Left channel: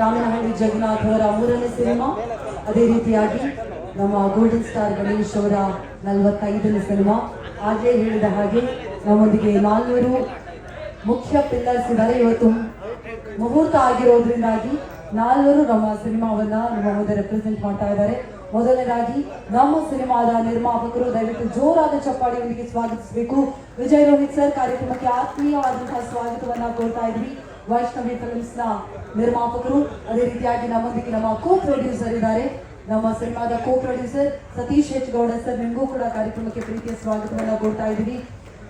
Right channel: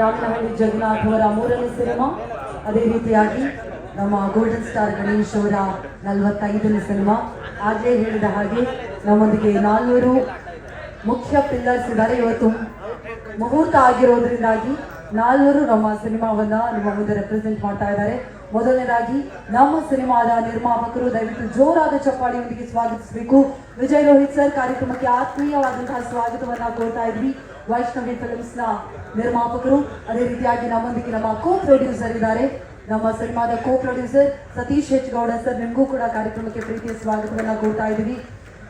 ರಾಮನಹಳ್ಳಿ ಜಗನ್ನಾಥ್ ಅವರ 3ನೇ ಸಿನಿಮಾ. ಅದೇ ರೀತಿಯಾಗಿ ನಮ್ಮ ಗೋಲ್ಡನ್ ಸ್ಟಾರ್ ಗಣೇಶ್ ಅವರ 45ನೇ ಸಿನಿಮಾ. ಆಗಲೇ ಹೇಳಿದ ಹಾಗೆ ನಮ್ಮೊಂದಿಗೆ 400 ಮುಖ್ಯ ಪಿಲ್ಲರ್ಸ್ ಇದ್ದಾರೆ. ಇವತ್ತು ಮುಹೂರ್ತ ಆಗಿರೋದ್ರಿಂದಾಗಿ 400 ನಮ್ಮ ಸಿನಿಮಾವನ್ನ ನಮ್ಮ ಮುಂದೆ ರೆಪ್ರೆಸೆಂಟ್ ಮಾಡ್ತಾ ಇದ್ದಾರೆ. ಮೊದಲನೇದಾಗಿ ನಮ್ಮ ಸಿನಿಮಾದ ನಿರ್ಮಾಪಕರು, ದಯವಿಟ್ಟು ಜೋರಾದ ಚಪ್ಪಾಳಿಯೊಂದಿಗೆ ಸ್ವಾಗತಿಸಬೇಕು. ವಿಜಯ್ ರೋಹಿತ್ ಸರ್ ಕಾರ್ಯಕ್ರಮಕ್ಕೆ ಆತ್ಮೀಯವಾದಂತಹ ಸ್ವಾಗತವನ್ನ ಕೊಡ್ತಾ ಇದ್ವಿ. ವೈಷ್ಣವಿ ಫಿಲ್ಮ್ಸ್ ನ ನಿರ್ಮಾಪಕರು. ಅದೇ ರೀತಿಯಾಗಿ ನಮ್ಮೊಂದಿಗೆ ನಮ್ಮ ಕೋ ಪ್ರೊಡ್ಯೂಸರ್ ಇದ್ದಾರೆ. ನಮ್ಮ ಸಿನಿಮಾದ co producer Satish H Gowda sir, ನಿಮಗೂ ಕೂಡ ಕಾರ್ಯಕ್ರಮಕ್ಕೆ ಪ್ರೀತಿಯ ಸ್ವಾಗತವನ್ನ ಕೊಡ್ತಾ ಇದ್ದೀವಿ.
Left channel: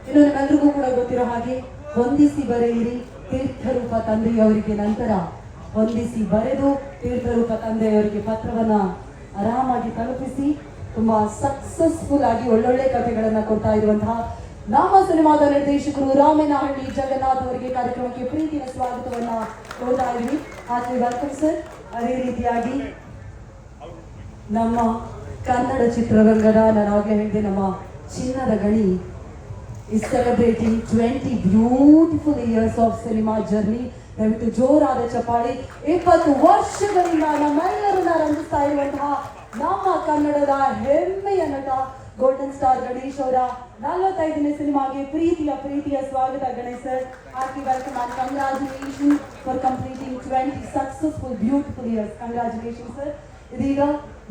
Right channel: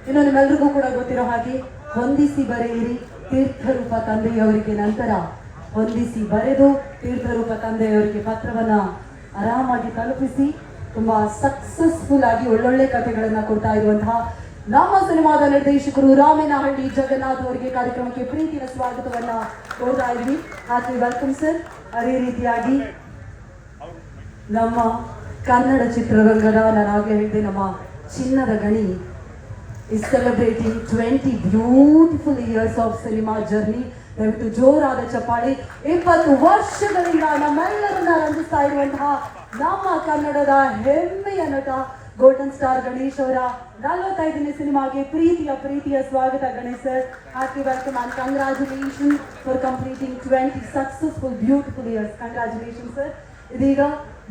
ಇನ್ನು ನಿಮ್ಮೆಲ್ಲರಿಗೂ ಕೂಡ ಗೊತ್ತಿರೋ ಹಾಗೆ ಹೊಂದಿಸಿ ಬರೆಯಿರಿ ತೀರ್ಥರೂಪ ತಂದೆಯವರಿಗೆ, ನಂತರ ಹೊಂದಿಸಿ ಬರೆದು ತೀರ್ಥರೂಪ ತಂದೆಯವರಿಗೆ ಪತ್ರವನ್ನ ಆರಾಮಾಗಿ ತಲುಪಿಸಿ ತುಂಬಾ ಸಕ್ಸಸ್ಫುಲ್ ಆಗಿ ಒಳ್ಳೊಳ್ಳೆ ಕಥೆಗಳನ್ನ ಕೊಡ್ತಾ ಇರುವಂತಹ ನಮ್ಮ ಸಿನಿಮಾದ ನಿರ್ದೇಶಕರು ರಾಮನಹಳ್ಳಿ ಜಗನ್ನಾಥ್ ಅವರಿಗೆ ಕಾರ್ಯಕ್ರಮಕ್ಕೆ ಪ್ರೀತಿಯ ಸ್ವಾಗತವನ್ನ ಕೊಡ್ತಾ ಇದ್ವಿ. ಹಾಗೆ ವೆಲ್ಕಮ್ ಸರ್. ಅದೇ ರೀತಿಯಾಗಿ ನಮ್ಮ ಕನ್ನಡ ಚಿತ್ರರಂಗದ, ನಾನಾಗಲೇ ಹೇಳಿದೆ, ನಮ್ಮ ಚಿನ್ನದ ಗಣಿ is celebrating 20 beautiful years of cinema journey. ದಯವಿಟ್ಟು ಜೋರಾದ ಚಪ್ಪಾಳಿ. 20 ವರ್ಷಗಳಿಂದ ನಮ್ಮೆಲ್ಲರನ್ನ ರಂಜಿಸ್ತಾ ಇರುವಂತಹ ನಮ್ಮ ಕನ್ನಡದ ಹೆಮ್ಮೆಯ ನಟ ಗೋಲ್ಡನ್ ಸ್ಟಾರ್ ಗಣೇಶ್ ಅವರ 45ನೇ ಸಿನಿಮಾಗೆ ಪ್ರೀತಿಯ ಸ್ವಾಗತ Ganesh sir. Hearty welcome and congratulation for completing 20 successful beautiful years. Congratulation sir. ಇದೀಗ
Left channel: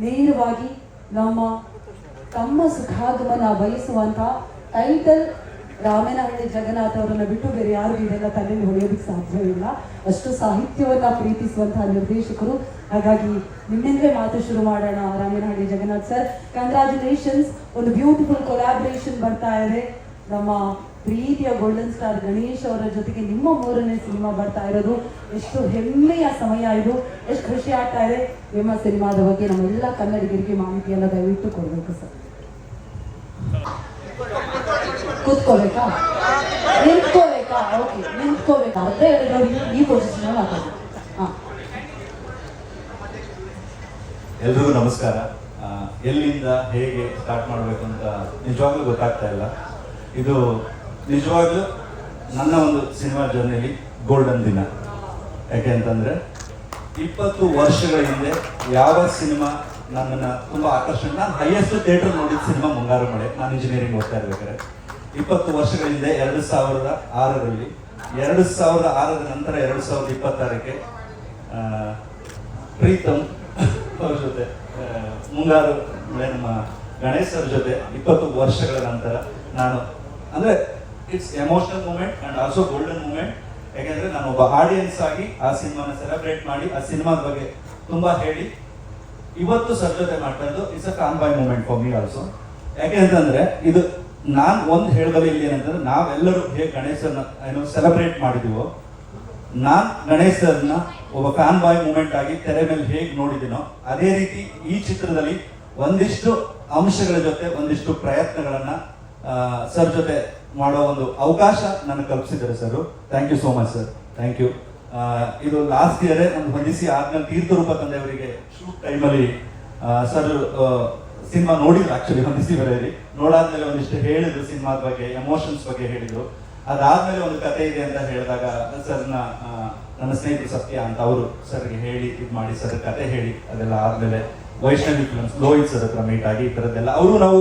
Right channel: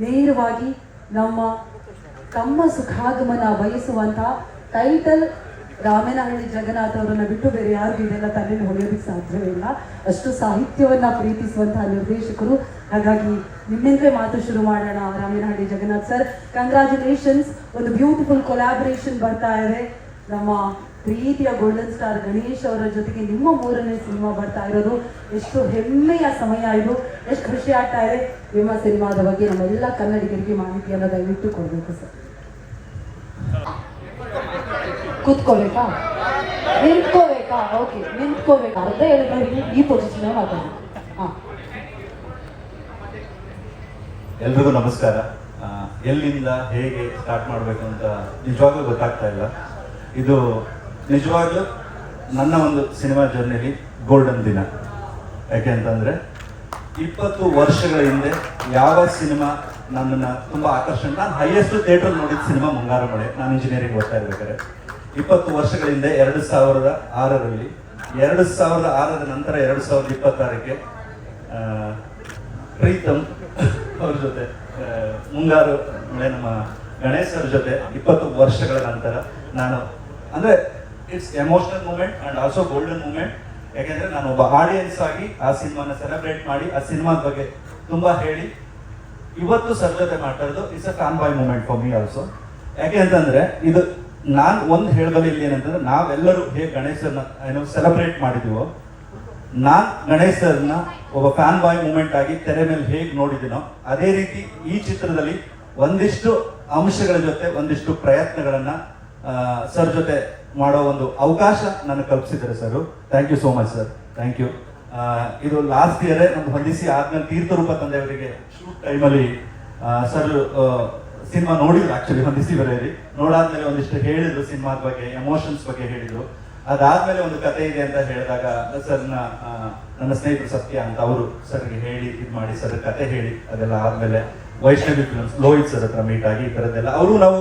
ನೇರವಾಗಿ ನಮ್ಮ ತಮ್ಮ ಸುಖಾಗಮನ ಬಯಸುವಂತ ಟೈಟಲ್ ರಾಮನಹಳ್ಳಿ ಜಗನ್ನಾಥ್ ಅವರನ್ನ ಬಿಟ್ಟು ಬೇರೆ ಯಾರು ಇದೆಲ್ಲ ತಲೆಯಲ್ಲಿ ಹೊಳೆಯೋದಕ್ಕೆ ಸಾಧ್ಯವಿಲ್ಲ. ಅಷ್ಟು ಸಾಹಿತ್ಯವನ್ನ ಪ್ರೀತಿಸುವಂತಹ ನಿರ್ದೇಶಕರು. ಹಾಗಾಗಿ ನಿಮ್ಮಿಂದಲೇ ಮಾತು ಶುರು ಮಾಡೋಣ. Ramanahalli Jagannath sir, congratulations. ಒಂದು ಬ್ಯೂಟಿಫುಲ್ ಕೊಲಾಬ್ರೇಷನ್ ಬರ್ತಾ ಇದೆ. ನಮ್ಮ ಪ್ರೀತಿಯ ಗೋಲ್ಡನ್ ಸ್ಟಾರ್ ಗಣೇಶ್ ಅವರ ಜೊತೆಗೆ ನಿಮ್ಮ 3ನೇ ಸಿನಿಮಾ ಬರ್ತಾ ಇರೋದು. ಎಷ್ಟು ಹೆಮ್ಮೆಯ ಸಮಯ ಇದು, ಎಷ್ಟು ಖುಷಿ ಆಗ್ತಾ ಇದೆ. ನಿಮ್ಮ ಸಿನಿಮಾದ ಬಗ್ಗೆ ನಮ್ಮೆಲ್ಲ ಕನ್ನಡಿಗರಿಗೆ ಮಾಹಿತಿಯನ್ನ ದಯವಿಟ್ಟು ಕೊಡಬೇಕು ಸರ್. ಕೂತ್ಕೋಬೇಕಾ, ನಿಂತ್ಕೋಬೇಕಾ? ಓಕೆ, ನಿಂತ್ಕೋಬೇಕಾ ಅಂತ ಹೇಳಿದ್ರು. ಈ ಪೊಸಿಷನ್ ಎಲ್ರಿಗೂ ನಮಸ್ಕಾರ. ಎಲ್ಲಿಂದ ಹೇಗೆ ಸ್ಟಾರ್ಟ್ ಮಾಡ್ಬೇಕಂತ ನಿಜವಾಗ್ಲೂ ಗೊತ್ತಾಗ್ತಾ ಇಲ್ಲ. ಇದು ನಿಜವಾಗ್ಲೂ ನನ್ನ ಒಂದು ಸಿನಿಮಾ ಜರ್ನಿಲಿ ಗೋಲ್ಡನ್ ದಿನ. ಯಾಕೆ ಅಂತಂದ್ರೆ 20 ವರ್ಷಗಳ ಹಿಂದೆ ಯಾವ ಸಿನಿಮಾ ನನ್ನನ್ನು ತುಂಬ ಆಕರ್ಷಣೆ, ನಾನು ಹೈಯೆಸ್ಟ್ ಥಿಯೇಟರ್ ನೋಡಿದ ಸಿನಿಮಾ ಮುಂಗಾರು ಮಳೆ. ನಾನು ಇಂಜಿನಿಯರಿಂಗ್ ಓದ್ತಾ ಇರ್ಬೇಕಾದ್ರೆ 20 ವರ್ಷಗಳ ಹಿಂದೆ 2006ರಲ್ಲಿ, 2006ರ ನಂತರ 2026ಕ್ಕೆ ಪ್ರೀತಮ್ ಅವ್ರ ಜೊತೆ ಮುಂಗಾರು ನಮ್ಮ ಗಣೇಶ್ ಅವ್ರ ಜೊತೆ 20 ವರ್ಷಗಳ ನಂತರ ನಾನು, ಅಂದ್ರೆ it's emotional moment and also golden moment. ಯಾಕೆಂದ್ರೆ ನಾನು ಒಬ್ಬ ಆಡಿಯನ್ಸ್ ಆಗಿ ಆ ಸಿನಿಮಾನ ಸೆಲೆಬ್ರೇಟ್ ಮಾಡಿ ಆ ಸಿನಿಮಾದ ಬಗ್ಗೆ ತುಂಬಾ ಹೇಳಿ ಇವತ್ತು ಸರ್ ಜೊತೆ ಮಾಡ್ತಾ ಇರೋದು it's a fan boy moment for me also. ಯಾಕೆ ಅಂತಂದ್ರೆ ಇದು ನಾನು ಒಂದು ಹೇಳಿದ್ರೆ ಇಲ್ಲಿ ಏನಂತಂದ್ರೆ, ನಾವೆಲ್ಲರೂ ಹೇಗೆ ಗಣೇಶನ ಸೆಲೆಬ್ರೇಟ್ ಮಾಡಿದೀವೋ, ನಾನ್ ಗಣೇಶನ ಒಬ್ಬ ಫ್ಯಾನ್ ಬಾಯ್ ಮೂಮೆಂಟ್ ಆಗಿ ತೆರೆ ಮೇಲೆ ಹೇಗೆ ನೋಡಿದ್ದೀನೋ ಅದೇ ರೀತಿ ಈ ಚಿತ್ರದಲ್ಲಿ ಒಂದಿಷ್ಟು ಅಂಶಗಳ ಜೊತೆ ಒಂದಿಷ್ಟು ಪ್ರಯತ್ನಗಳನ್ನ ಸರ್ ಜೊತೆ ಮಾಡೋ ಒಂದು ಅವಕಾಶ ನನಗೆ ಕಲ್ಪಿಸಿದ್ದಾರೆ sir. Thank you so much sir, thank you. ಇದು ಲಾಸ್ಟ್ ಇಯರ್ ಒಂದು ಹೊಂದಿಸಿ ಆದ್ಮೇಲೆ ತೀರ್ಥರೂಪ ತಂದೆಯವರಿಗೆ ಶೂಟ್ ಟೈಮಲ್ಲಿ ಸರ್ ಸಿನಿಮಾ ನೋಡಿದ್ರು. ಆಕ್ಚುಲಿ ಹೊಂದಿಸಿ ಬರೆಯಲ್ಲಿ ನೋಡಾದ್ಮೇಲೆ ಒಂದಿಷ್ಟು ಹೇಳಿದ್ರು, ಸಿನಿಮಾದ ಬಗ್ಗೆ, ಎಮೋಷನ್ಸ್ ಬಗ್ಗೆ ಹೇಳಿದ್ರು. ಅದಾದ್ಮೇಲೆ ಒಂದು ಕತೆ ಇದೆ ಅಂತ ಹೇಳಿದಾಗ ಸರ್ನ ನನ್ನ ಸ್ನೇಹಿತರು ಸತ್ಯ ಅಂತ ಅವರು ಸರ್ಗೆ ಹೇಳಿ ಇದು ಮಾಡಿ ಸರ್ ಕತೆ ಹೇಳಿ, ಅದೆಲ್ಲ ಆದ್ಮೇಲೆ ವೈಷ್ಣವಿ ಫಿಲ್ಮ್ಸ್ ಲೋಹಿತ್ ಸರ್ ಹತ್ರ ಮೀಟ್ ಆಗಿ ಈ ಥರದ್ದೆಲ್ಲ ಅವರು ನಾವು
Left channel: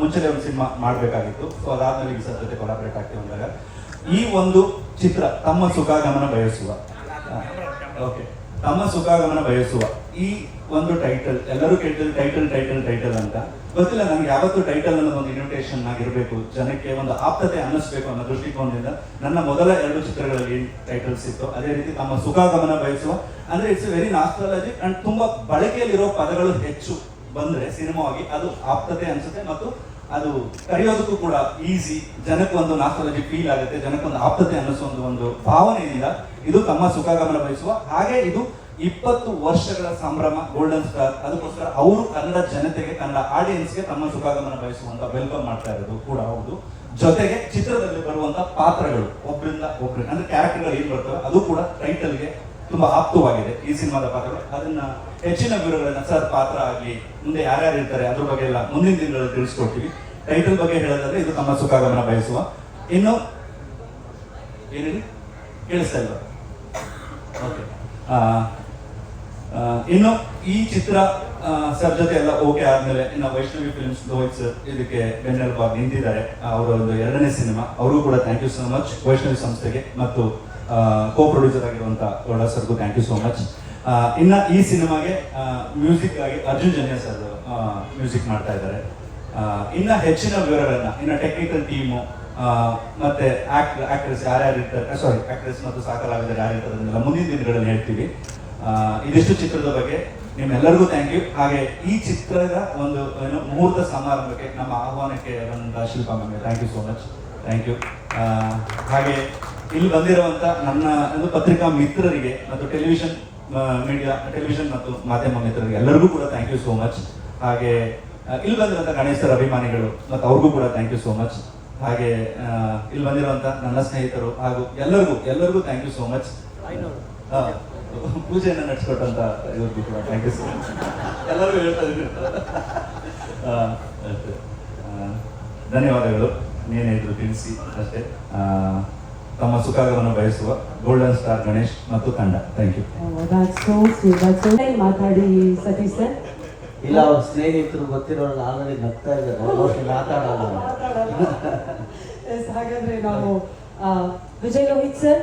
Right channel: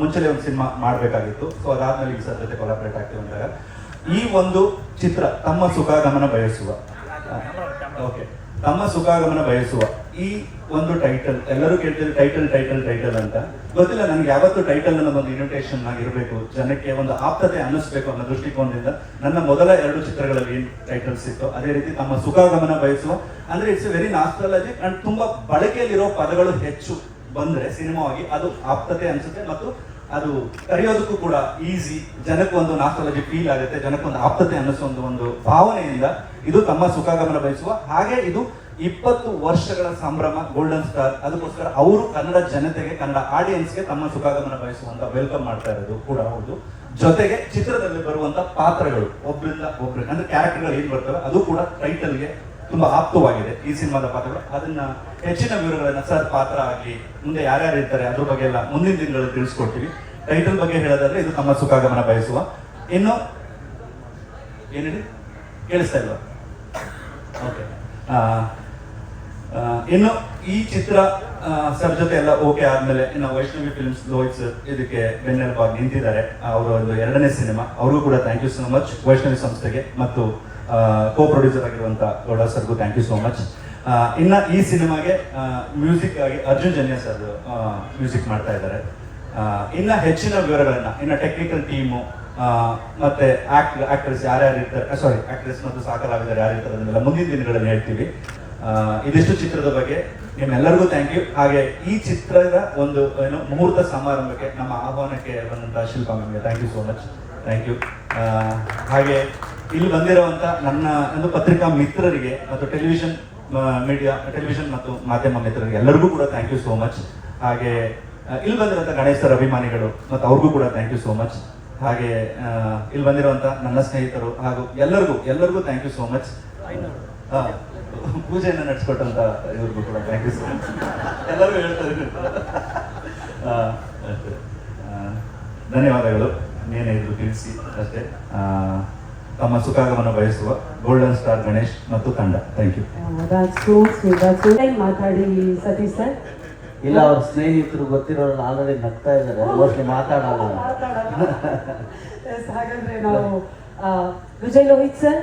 ಮುಂಚೆನೆ ಒಂದು ಸಿನಿಮಾ ಮಾಡಬೇಕಾಗಿತ್ತು. ಸೊ ಅದಾದ್ಮೇಲೆ ಈ ಸರ್ ಜೊತೆ ಕೊಲಾಬ್ರೇಟ್ ಆಗ್ತೀವಿ ಅಂದಾಗ ಈ ಒಂದು ಚಿತ್ರ ತಮ್ಮ ಸುಖಾಗಮನ ಬಯಸುವ, ಓಕೆ, ತಮ್ಮ ಸುಖಾಗಮನ ಬಯಸುವ ಈ ಒಂದು ಟೈಟಲ್ ಎಲ್ಲರೂ ಕೇಳ್ತಿದ್ರು, ಟೈಟಲ್ ಅಂತ ಗೊತ್ತಿಲ್ಲ ನನಗೆ. ಯಾವತ್ತು ಟೈಟಲ್ ಅನ್ನೋದೊಂದು ಇನ್ವಿಟೇಷನ್ ಆಗಿರ್ಬೇಕು, ಜನಕ್ಕೆ ಒಂದು ಆಪ್ತತೆ ಅನ್ನಿಸ್ಬೇಕು ಅನ್ನೋ ದೃಷ್ಟಿಕೋನದಿಂದ ನನ್ನ ಮೊದಲ 2 ಚಿತ್ರಗಳಲ್ಲಿ ಏನ್ ಟೈಟಲ್ಸ್ ಇತ್ತು ಅದೇ ರೀತಿ ತಮ್ಮ ಸುಖಾಗಮನ ಬಯಸುವ ಅಂದ್ರೆ ಇಟ್ಸ್ ವೆರಿ ನಾಸ್ಟಾಲಜಿಕ್ ಅಂಡ್ ತುಂಬಾ ಬಳಕೆಯಲ್ಲಿರೋ ಪದಗಳು ಹೆಚ್ಚು ಬಂದ್ರೆ ಸಿನಿಮಾವಾಗಿ ಅದು ಆಪ್ತತೆ ಅನ್ಸುತ್ತೆ ಮತ್ತು ಅದು ಕರೆಯೋದಕ್ಕೂ ಕೂಡ ಈಸಿ, ಜನಕ್ಕೆ ಒಂದು ನಾಸ್ಟಾಲಜಿಕ್ ಫೀಲ್ ಆಗುತ್ತೆ, ಜನಕ್ಕೊಂದು ಆಪ್ತತೆ ಅನ್ನಿಸೋ ಒಂದು ಭಾವನೆಯಿಂದ ಇದು ತಮ್ಮ ಸುಖಾಗಮನ ಬಯಸುವ. ಹಾಗೆ ಇದು 20 ವರ್ಷಗಳ ಸಂಭ್ರಮ ಗೋಲ್ಡನ್ ಸ್ಟಾರ್. ಅದಕ್ಕೋಸ್ಕರ ಅವರು ಕನ್ನಡ ಜನತೆಗೆ, ಕನ್ನಡ ಆಡಿಯನ್ಸ್ಗೆ ತಮ್ಮ ಸುಖಾಗಮನ ಬಯಸುವಂತ ವೆಲ್ಕಮ್ ಮಾಡ್ತಾ ಇರೋದು ಕೂಡ ಹೌದು. ಜೊತೆಗೆ ಚಿತ್ರದಲ್ಲಿ ಬರುವಂತ ಪಾತ್ರಗಳು ಒಬ್ಬರಿಂದ ಒಬ್ರಿಗೆ ಅಂದ್ರೆ ಕ್ಯಾರೆಕ್ಟರ್ಗಳು ಏನ್ ಬರ್ತವೆ ಅದು ಕೂಡ ಟೈಟಲ್ಗೆ ತುಂಬಾ ಆಪ್ತವಾಗಿದೆ ಈ ಸಿನಿಮಾದ ಪಾತ್ರಗಳು. ಅದನ್ನ ಹೆಚ್ಚಿನ ವಿವರಗಳನ್ನ ಸರ್ ಪಾತ್ರ ಆಗಲಿ ಮುಂದೆ ಯಾರ್ಯಾರು ಇರ್ತಾರೆ ಅದ್ರ ಬಗ್ಗೆ ಎಲ್ಲ ಮುಂದಿನ ದಿನಗಳಲ್ಲಿ ತಿಳಿಸ್ಕೊಡ್ತೀವಿ. ಟೈಟಲ್ ಬಗ್ಗೆ ಹೇಳೋದಾದ್ರೆ ಇದು ತಮ್ಮ ಸುಖಾಗಮನ ಬಯಸುವ. ಇನ್ನು ಏನೇಳಿ ಕೇಳಿಸ್ತಾ ಇಲ್ಲ? ಓಕೆ, ಇನ್ನು ಈ ಚಿತ್ರ ಸರ್ ಜೊತೆ ಎಲ್ಲ ಓಕೆ ಆದ್ಮೇಲೆ ಇನ್ನು ವೈಷ್ಣವಿ ಫಿಲ್ಮ್ಸ್ ಲೋಹಿತ್ ಸರ್ ಇದಕ್ಕೆ ಬೆನ್ನೆಲುಬಾಗಿ ನಿಂತಿದ್ದಾರೆ. ಅವರ ಒಂದು 2ನೇ ಸಿನಿಮಾ, ಅವರು ಕೂಡ thank you so much Vaishnavi ಸಂಸ್ಥೆಗೆ ಮತ್ತು ಕೋ ಪ್ರೊಡ್ಯೂಸರ್ ಆಗಿರುವಂತ ಗೌಡ ಸರ್ಗೂ ಥ್ಯಾಂಕ್ ಯು ಸೋ ಮಚ್. ಇನ್ನ ಈ ಸಿನಿಮಾಗೆ ಮ್ಯೂಸಿಕ್ ಆಗಿ ಅರ್ಜುನ್ ಜನ್ಯ ಸರ್ ಮ್ಯೂಸಿಕ್ ಮಾಡ್ತಾ ಇದ್ದಾರೆ. ಇನ್ನ ಹೆಚ್ಚಿನ ವಿವರಗಳನ್ನ ಇನ್ನ ಟೆಕ್ನಿಕಲ್ ಟೀಮು ಮತ್ತೆ ಆಕ್ಟ್ರೆಸ್ ಯಾರ್ಯಾರು ಇರ್ತಾರೆ, ಆಕ್ಟ್ರೆಸ್ ಮತ್ತು ಸಾಕಲಾಗಿದ್ದಾರೆ ಯಾರು ಇರ್ತಾರೆ ಅದನ್ನೆಲ್ಲ ಮುಂದಿನ ದಿನಗಳಲ್ಲಿ ಹೇಳ್ತೀವಿ. ಇದಿಷ್ಟು ಚಿತ್ರದ ಬಗ್ಗೆ ನಿಮ್ಮೆಲ್ಲರಿಗೂ ಥ್ಯಾಂಕ್ ಯು. ಹಾಗೆ ಈ ಚಿತ್ರದ ಒಂದು ಮುಹೂರ್ತ ಸಮಾರಂಭಕ್ಕೆ ನಮ್ಮ ಆಹ್ವಾನಕ್ಕೆ ಬಂದಂತಹ ಶಿಲ್ಪಾ ಮ್ಯಾಮ್ಗೆ thank you so much, thank you. ಹಾಗೆ ಇಲ್ಲಿ ಬಂದಿರುವಂತ ನನ್ನ ಒಂದು ಪತ್ರಿಕಾ ಮಿತ್ರರಿಗೆ ಮತ್ತು ಟೆಲಿವಿಷನ್ ಮತ್ತು ಮಾಧ್ಯಮ ಮಿತ್ರರಿಗೆ ಎಲ್ಲರಿಗೂ ಕೂಡ ಥ್ಯಾಂಕ್ ಯು ಸೋ ಮಚ್. ಹಾಗೆ ಇಲ್ಲಿ ಬಂದಿರುವಂತ ಗಣೇಶ್ ಸರ್ ಅಭಿಮಾನಿಗಳು ಮತ್ತು ಅವ್ರಿಗೂ ಕೂಡ ಥ್ಯಾಂಕ್ ಯು ಸೋ ಮಚ್. ಹಾಗೆ ಇಲ್ಲಿ ಬಂದಿರುವಂತ ನನ್ನ ಸ್ನೇಹಿತರು ಹಾಗೂ ಎಲ್ಲರಿಗೂ ಥ್ಯಾಂಕ್ ಯು ಸೋ ಮಚ್. ಪೂಜೆಯನ್ನು ನಡೆಸ್ಕೊಟ್ಟಂತ ಇವ್ರಿಗೂ ಕೂಡ ಥ್ಯಾಂಕ್ ಯು ಸೋ ಮಚ್. ಎಲ್ಲರೂ ಹೇಳ್ತಾರೆ ಧನ್ಯವಾದಗಳು. ಏನಿದ್ರು ತಿಳಿಸಿ ಅಷ್ಟೇ. ತಮ್ಮ ಸುಖಾಗಮನ ಬಯಸುವ ಗೋಲ್ಡನ್ ಸ್ಟಾರ್ ಗಣೇಶ್ ಮತ್ತು ತಂಡ. Thank you. ಮಾತಾಡಿ ಸತೀಶ್ ಸರ್. ಇಲ್ಲ, ಅವ್ರ ಸ್ನೇಹಿತರು ಗೊತ್ತಿರೋರು ಆಲ್ರೆಡಿ ನಗ್ತಾ ಇದ್ದಾರೆ, ಮೋಸ್ಟ್ಲಿ ಮಾತಾಡೋಣ. ಹಾಗಾದ್ರೆ ನಾವು ವಿಜಯ್ ಲೋಹಿತ್ ಸರ್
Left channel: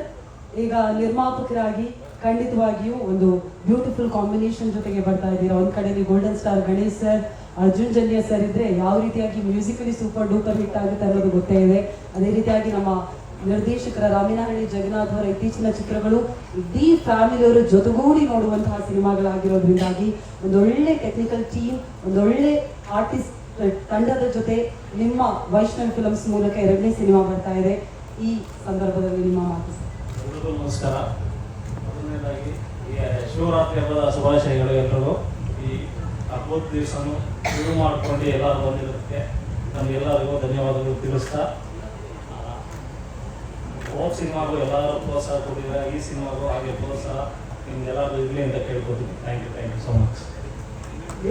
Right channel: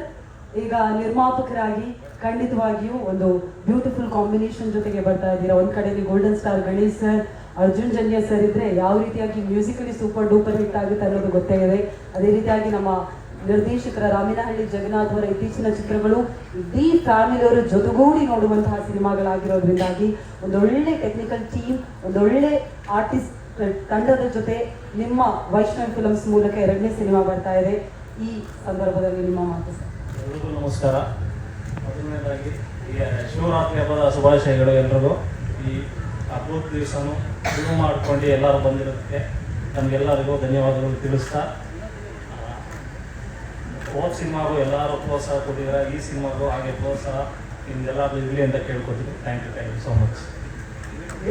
ಈಗ ನಿರ್ಮಾಪಕರಾಗಿ ಖಂಡಿತವಾಗಿಯೂ ಒಂದು ಬ್ಯೂಟಿಫುಲ್ ಕಾಂಬಿನೇಷನ್ ಜೊತೆಗೆ ಬರ್ತಾ ಇದ್ದೀರಾ. ಒಂದ್ ಕಡೆ golden star Ganesh sir, Arjun Janya sir ಇದ್ರೆ ಯಾವ ರೀತಿಯಾಗಿ ಮ್ಯೂಸಿಕಲಿ ಸೂಪರ್ ಡೂಪರ್ ಹಿಟ್ ಆಗುತ್ತೆ ಅನ್ನೋದು ಗೊತ್ತೇ ಇದೆ. ಅದೇ ರೀತಿಯಾಗಿ ನಮ್ಮ ನಿರ್ದೇಶಕರ ರಾಮಿನಹಳ್ಳಿ ಜಗನ್ನಾಥ್ ಅವರ ಇತ್ತೀಚಿನ ಚಿತ್ರಗಳು ಇಡೀ ಫ್ಯಾಮಿಲಿಯವರ ಜೊತೆಗೂಡಿ ನೋಡುವಂತಹ ಸಿನಿಮಾಗಳಾಗಿರೋದ್ರಿಂದಾಗಿ ಒಂದೊಳ್ಳೆ ಟೆಕ್ನಿಕಲ್ ಟೀಮ್, ಒಂದೊಳ್ಳೆ ಆರ್ಟಿಸ್ಟ್ ತಂಡದ ಜೊತೆ ನಿಮ್ಮ ವೈಷ್ಣವ್ ಫಿಲ್ಮ್ಸ್ ಮೂಲಕ 2ನೇ ಸಿನಿಮಾ ಬರ್ತಾ ಇದೆ. ಈ ಸಂದರ್ಭದಲ್ಲಿ ನಿಮ್ಮ ಮಾತು. ಎಲ್ರಿಗೂ ನಮಸ್ಕಾರ. ಮೊದಲನೇದಾಗಿ ಈ ಶಿವರಾತ್ರಿ ಹಬ್ಬದ ಶುಭಾಶಯಗಳು ಎಲ್ರಿಗೂ. ಈ ಹಬ್ಬದ ದಿವಸನು ಶುರು ಮಾಡ್ಕೊಂಡು ಎಲ್ಲರೂ ಬಂದಿರೋದಕ್ಕೆ ನಮಗೆಲ್ಲರಿಗೂ ಧನ್ಯವಾದಗಳು ತಿಳಿಸ್ತಾ, ಹೋದ ಸಿನಿಮಾಗೂ ಎಲ್ಲರೂ ಪ್ರೋತ್ಸಾಹ ಕೊಟ್ಟಿದ್ದಾರೆ, ಈ ಸಿನಿಮಾಗೂ ಹಾಗೆ ಪ್ರೋತ್ಸಾಹ ನಿಮ್ಗೆಲ್ಲರೂ ಇರಲಿ ಅಂತ ಕೇಳ್ಕೊತೀನಿ. Thank you so much.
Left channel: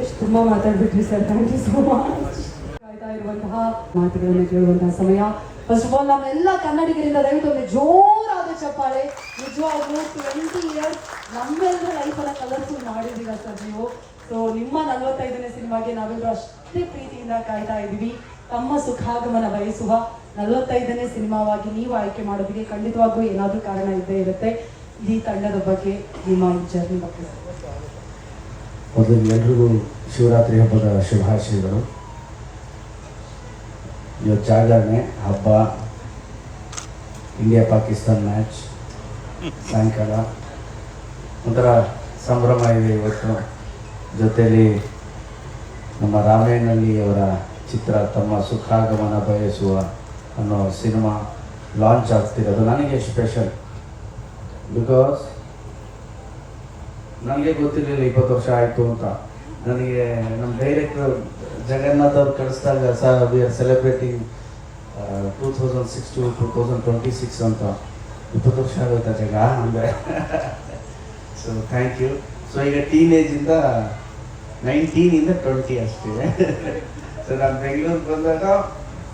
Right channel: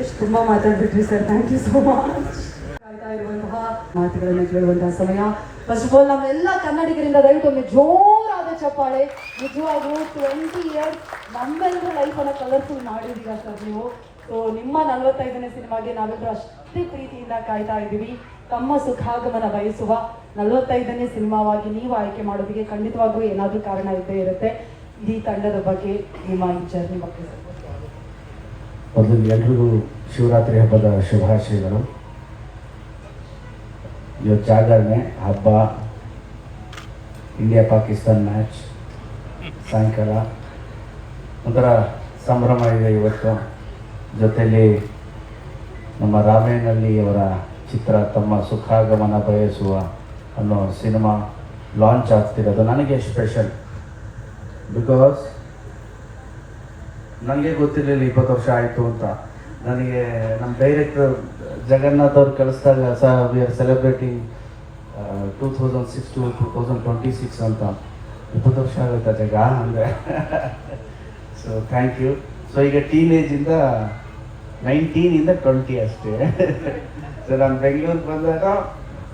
ಎಷ್ಟು ತುಂಬಾ ಮಾತಾಡ್ಬಿಟ್ರಿ sir, thank you so much. ಕಾಯ್ತಾ ಇರುವಂತಹ ಮಾತುಗಳನ್ನು ಕೇಳುವಂತಹ ಸಮಯ. ಫಸ್ಟ್ ಆಫ್ ಆಲ್ ನಮ್ಮೆಲ್ಲ ಕನ್ನಡಿಗರಿಂದ ದಯವಿಟ್ಟು ಒಂದು ಜೋರಾದ ಚಪ್ಪಾಳೆ. ನಿಜವಾಗ್ಲೂ 20 ಇಯರ್ಸ್ ನಮ್ಮೆಲ್ಲರೂ ಲೈಫನ್ನು ಕಲರ್ಫುಲ್ ಮಾಡಿದ್ದೀರಾ ಸರ್ ನೀವು. ಸೊ ನಿಮ್ಮ 45ನೇ ಸಿನಿಮಾಗೆ ನಾವೆಲ್ಲರೂ ಅಷ್ಟೇ ಪ್ರೀತಿಯಿಂದ ಕಾಯ್ತಾ ಇದ್ದೀವಿ. ತಮ್ಮ ಸುಖಾಗಮನ ಬಯಸುವ 45ನೇ ಸಿನಿಮಾವಾಗಿ ನೀವು ಆಯ್ಕೆ ಮಾಡೋದಕ್ಕೆ ಖಂಡಿತವಾಗ್ಲೂ ಏನಾದರೂ ಕಾರಣ ಇದ್ದೇ ಇರುತ್ತೆ. ಈ ತಂಡದ ಬಗ್ಗೆ ನಿಮ್ಮ ಈ ಜರ್ನಿ ಬಗ್ಗೆ ಮೊದಲು ಎಲ್ರಿಗೂ ಶಿವರಾತ್ರಿ ಹಬ್ಬದ ಶುಭಾಶಯಗಳು. ಇವತ್ತು ಜಾಗರಣೆ ಹಬ್ಬ, ಇಂಡಿಯಾ ಪಾಕಿಸ್ತಾನ್ ಮ್ಯಾಚ್ ಸಾಯಂಕಾಲ ಒಂಥರ ಸಂಭ್ರಮ ಇದೆ ಇವತ್ತು. ಜೊತೆಯಲ್ಲಿ ನಮ್ಮ ರಾಮೇನಹಳ್ಳಿ ಅವರ ಚಿತ್ರ ತಮ್ಮ ಸುಖಾಗಮನ ಬಯಸುವ ಅನ್ನೋ ಸಿನಿಮಾ ಲಾಂಚ್ ಆಗ್ತಿರೋದು ನನಗೆ ಸ್ಪೆಷಲ್. ಬಿಕಾಸ್ ನನಗೆ ಗೊತ್ತಿರಲಿಲ್ಲ 20 ವರ್ಷ ಆಯಿತು ಅಂತ. ನನಗೆ ನಮ್ಮ ಡೈರೆಕ್ಟರ್ ಜಗನ್ನಾಥ್ ಅವ್ರು ಕಳಿಸಿದಾಗ sir we are celebrating 2006 to 2026 ಅಂತ. 20 ವರ್ಷ ಆಗುತ್ತೆ ಜಗ ಅಂದರೆ. So thank you. ಸೊ ಈಗ ಟೀನೇಜಿಂದ 19 20 ಅಷ್ಟೇ. ಸೊ ನಾನು ಬೆಂಗಳೂರಿಗೆ ಬಂದಾಗ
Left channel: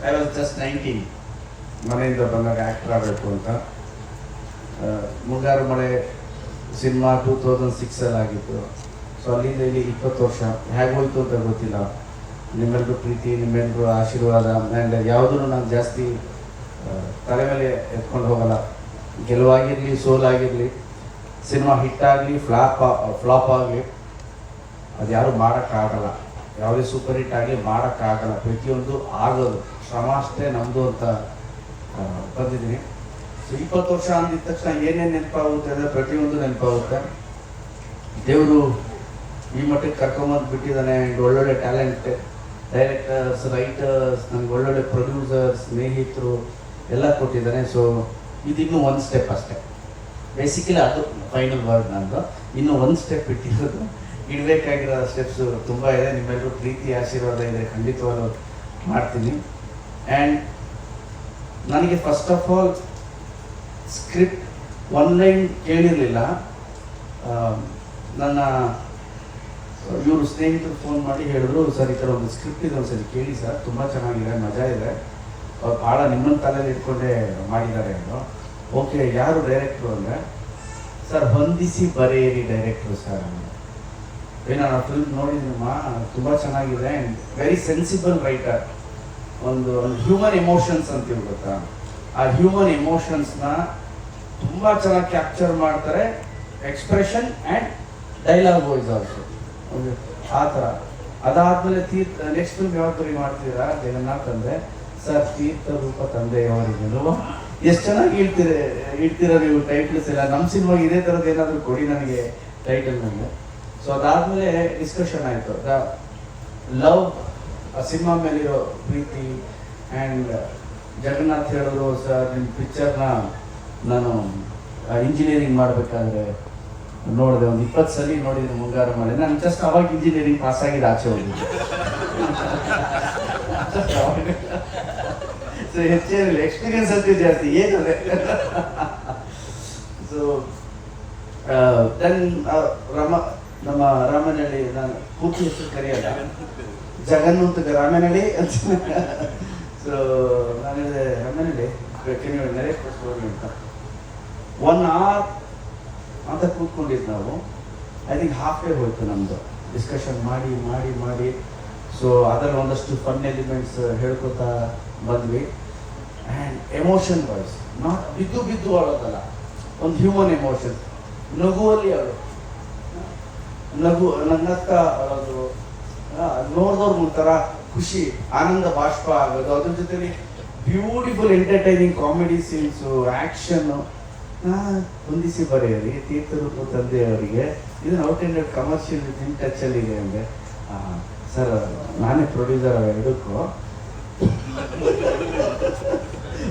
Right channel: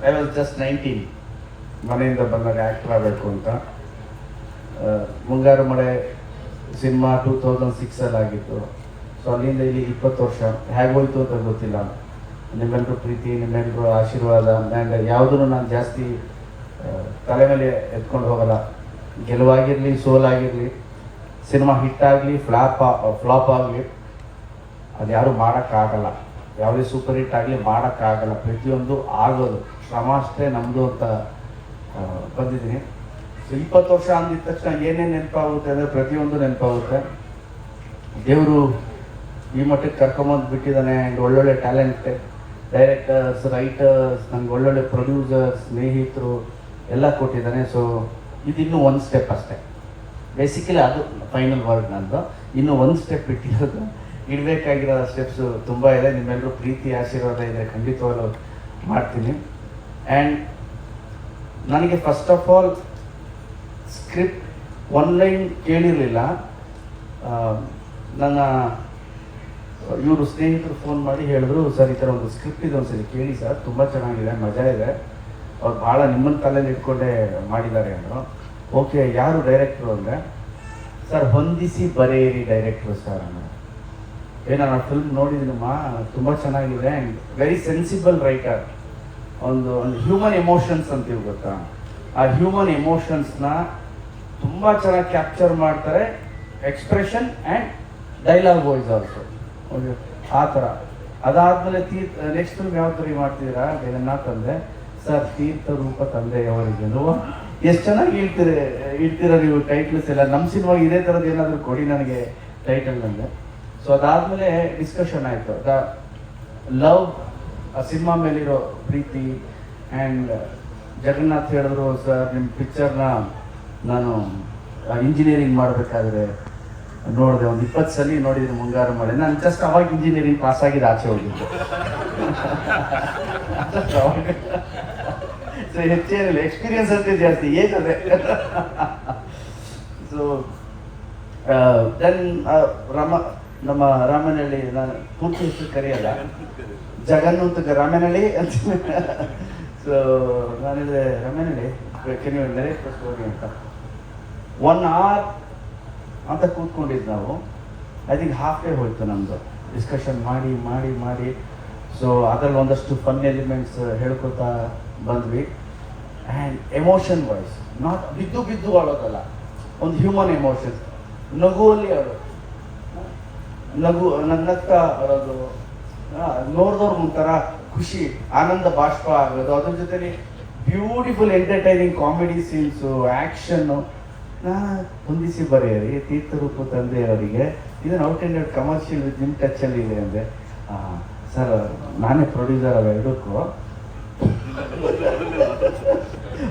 ಐ ವಾಸ್ ಜಸ್ಟ್ 19. ಮನೆಯಿಂದ ಬಂದಾಗ ಆ್ಯಕ್ಟರ್ ಆಗಬೇಕು ಅಂತ. ಮುಂಗಾರು ಮಳೆ ಸಿನಿಮಾ 2006 ಆಗಿತ್ತು. ಸೊ ಅಲ್ಲಿಂದ ಇಲ್ಲಿ 20 ವರ್ಷ ಹೇಗೋಯ್ತು ಅಂತ ಗೊತ್ತಿಲ್ಲ. ನಿಮ್ಮೆಲ್ಲರೂ ಪ್ರೀತಿ, ನಿಮ್ಮೆಲ್ಲರೂ ಆಶೀರ್ವಾದ, ಆ್ಯಂಡ್ ಯಾವುದನ್ನು ನಾನು ಜಾಸ್ತಿ ತಲೆ ಮೇಲೆ ಎತ್ಕೊಂಡು ಹೋಗಲ್ಲ. ಗೆಲುವಾಗಿರಲಿ, ಸೋಲಾಗಿರಲಿ, ಸಿನಿಮಾ ಹಿಟ್ ಆಗಲಿ, ಫ್ಲಾಪ್ ಆಗಲಿ, ಅದು ಯಾರು ಮಾಡೋಕ್ಕಾಗಲ್ಲ. ಯಾವುದೇ ಸೂಪರ್ ಹಿಟ್ ಆಗಲಿ ಮಾಡೋಕ್ಕಾಗಲ್ಲ. ಪ್ರತಿಯೊಂದು ಆಗೋದು ಶ್ರಮ ಅಷ್ಟೇ ನಮ್ಮದು ಅಂತ ಬಂದಿದ್ದೀನಿ. 20 ವರ್ಷ ಅಂದಿದ ತಕ್ಷಣ ಏನೇನು ನೆನಪಾಗುತ್ತೆ ಅಂದರೆ ಪ್ರತಿಯೊಂದು ನೆನಪಾಗುತ್ತೆ. ದೇವರು ಈ ಮಟ್ಟಕ್ಕೆ ಕರ್ಕೊಂಬಂದು ಬಿಟ್ಟಿದ್ದಾನೆ. ಒಳ್ಳೊಳ್ಳೆ ಟ್ಯಾಲೆಂಟ್ ಡೈರೆಕ್ಟರ್ಸ್, ರೈಟರ್ಸ್, ನನಗೆ ಒಳ್ಳೊಳ್ಳೆ ಪ್ರೊಡ್ಯೂಸರ್ಸ್, ಸ್ನೇಹಿತರು ಎಲ್ಲ ಕೊಟ್ಟಿದ್ದಾನೆ. ಸೊ ಇದಿನ್ನೂ ಒಂದು ಸ್ಟೆಪ್ ಅಷ್ಟೇ. ಬೇಸಿಕಲಿ ಅದು ಫೈನಲ್ ವರ್ಡ್ ನಂದು. ಇನ್ನೂ ಒಂದು ಸ್ಟೆಪ್ ಇಟ್ಟಿರೋದು. ಇಡಬೇಕಾಗಿರೋ ಸ್ಟೆಪ್ಸು ತುಂಬ ಇದೆ. ನಿಮ್ಮೆಲ್ಲರೂ ಪ್ರೀತಿ ಆಶೀರ್ವಾದ ಇದೆ, ಖಂಡಿತವಾಗ್ಲೂ ಮಾಡ್ತೀನಿ. ಆ್ಯಂಡ್ ನನಗೆ first of all script one line ಕೇಳಿರಲಿಲ್ಲ. ನನ್ನ ಇವರು ಸ್ನೇಹಿತರು ಫೋನ್ ಮಾಡಿ ಹೇಳಿದ್ರು, ಸರ್ ಈ ಥರ ಒಂದು ಸ್ಕ್ರಿಪ್ಟ್ ಇದೆ, ಒಂದ್ಸರಿ ಕೇಳಿ ಸರ್, ತುಂಬ ಚೆನ್ನಾಗಿದೆ, ಮಜಾ ಇದೆ, ಅವ್ರು ಭಾಳ ನಿಮ್ಮನ್ನ ತಲೆಯಲ್ಲಿ ಇಟ್ಕೊಂಡೇ ಮಾಡಿದ್ದಾರೆ ಅಂದರು. ಓಕೆ, ಯಾರು ಡೈರೆಕ್ಟ್ರು ಅಂದರೆ, ಸರ್ ಹೊಂದಿಸಿ ಬರೆಯಿರಿ ಡೈರೆಕ್ಟ್ರು ಸರ್ ಅಂದರು. ನಾನು ಆ ಫಿಲ್ಮ್ ನೋಡಿದ್ನಮ್ಮ, ತುಂಬ ಚೆನ್ನಾಗಿದೆ ಆ್ಯಂಡ್ ವೆರಿ ಸೆನ್ಸಿಬಲ್ ರೈಟರ್. ಒಂದು ಹ್ಯೂಮನ್ ಎಮೋಷನ್ಸ್ ಅಂತೀವಿ ಗೊತ್ತಾ, ಆ ಹ್ಯೂಮನ್ ಎಮೋಷನ್ಸ್ನ ತುಂಬ ಚೆನ್ನಾಗಿ ಕ್ಯಾಪ್ಚರ್ ಮಾಡ್ತಾರೆ, expression and dialogue voice also ಆ ಥರ. ಅದಾದಮೇಲೆ ನೆಕ್ಸ್ಟ್ ಫಿಲ್ಮ್ ಯಾವ ಥರ ಮಾಡ್ತೀರಾ ಜಗನ್ನಾಥ್ ತಂದೆ ಸರ್, ತೀರ್ಥ ರೂಪ ತಂದೆಯವರಿಗೂ ಎಷ್ಟು ಚೆನ್ನಾಗಿ ಇಡ್ತೀರ ನೀವು ಟೈಟಲ್ಸ್ ಎಲ್ಲ. ನಮ್ಮ ಸಿನಿಮಾಗೆ ಇದೇ ಥರದ್ದು ಏನಾದರೂ ಕೊಡಿ ನನಗೆ ಟೈಟಲ್ ನನಗೆ. ಸೊ ಅದಾದಮೇಲೆ ಡಿಸ್ಕಷನ್ ಆಯಿತು, ಲವ್ ಸಿನಿಮಾ ಮೇಲಿರೋ ಪ್ರೀತಿ. ಆ್ಯಂಡ್ ಜಗನ್ನಾಥ್ ಹೇಳಿದ್ರು, ಸರ್ ನಿಮ್ಮ ಪಿಕ್ಚರ್ನ ನಾನು ಇಂಜಿನಿಯರಿಂಗ್ ಮಾಡಬೇಕಾದ್ರೆ ನೋಡಿದೆ, ಒಂದು 20 ಸಲ ನೋಡಿದ್ರೆ ಮುಂಗಾರು ಮಳೆ. ನಾನು ಜಸ್ಟ್ ಅವಾಗ ಇಂಜಿನಿಯರಿಂಗ್ ಪಾಸ್ ಆಗಿದ್ದು, ಆಚೆ ಹೋಗಿದ್ದೆ. ಸೊ ಹೆಚ್ಚೇನಿಲ್ಲ, ಎಕ್ಸ್ಪೀರಿಯನ್ಸ್ ಅಂತ ಜಾಸ್ತಿ ಏನಿದೆ. ಸೊ ದೆನ್ ನಮ್ಮ ರಾಮನಹಳ್ಳಿ, ನಾನು ಪೂರ್ತಿ ಹೆಸರು ಕರೆಯಲ್ಲ, ಜಗನ್ನೂತ ರಾಮನಹಳ್ಳಿ ಅಂತ. ಸೊ ನಾನು ಹೇಳಿದೆ ರಾಮನಹಳ್ಳಿ ಅಂತ 1 hour ಅಂತ ಕೂತ್ಕೊಂಡಿದ್ದು ನಾವು. ಐ ಥಿಂಕ್ ಹಾಫ್ ಡೇ ಹೋಯ್ತು ನಮ್ಮದು ಡಿಸ್ಕಷನ್ ಮಾಡಿ ಮಾಡಿ ಮಾಡಿ. ಸೊ ಅದರಲ್ಲಿ ಒಂದಷ್ಟು ಫನ್ ಎಲಿಮೆಂಟ್ಸ್ ಹೇಳ್ಕೊತಾ ಬಂದ್ವಿ. ಆ್ಯಂಡ್ ಎಮೋಷನ್ ವಾಯ್ಸ್, ನಾಟ್ ಬಿದ್ದು ಅಳೋದಲ್ಲ, ಒಂದು ಹ್ಯೂಮನ್ ಎಮೋಷನ್. ನಗುವಲ್ಲಿ ಅಳು, ನಗ್ತಾ ಅಳೋದು, ನೋಡಿದವ್ರು ಒಂಥರ ಖುಷಿ, ಆನಂದ ಬಾಷ್ಪ ಆಗೋದು. ಅದ್ರ ಜೊತೆಲಿ beautiful entertaining comedy scenes, action ಹೊಂದಿಸಿ ಬರೆಯಿರಿ ತೀರ್ಥರೂಪು ತಂದೆಯವರಿಗೆ. ಇದನ್ನು ಔಟ್ ಆ್ಯಂಡ್ ಔಟ್ ಕಮರ್ಷಿಯಲ್ ನಿಮ್ಮ ಟಚ್ಚಲ್ಲಿ ಇದೆ ಅಂದರೆ, ಸರ್ ನಾನೇ ಪ್ರೊಡ್ಯೂಸರ್ ಅವ ಎರಡಕ್ಕೂ,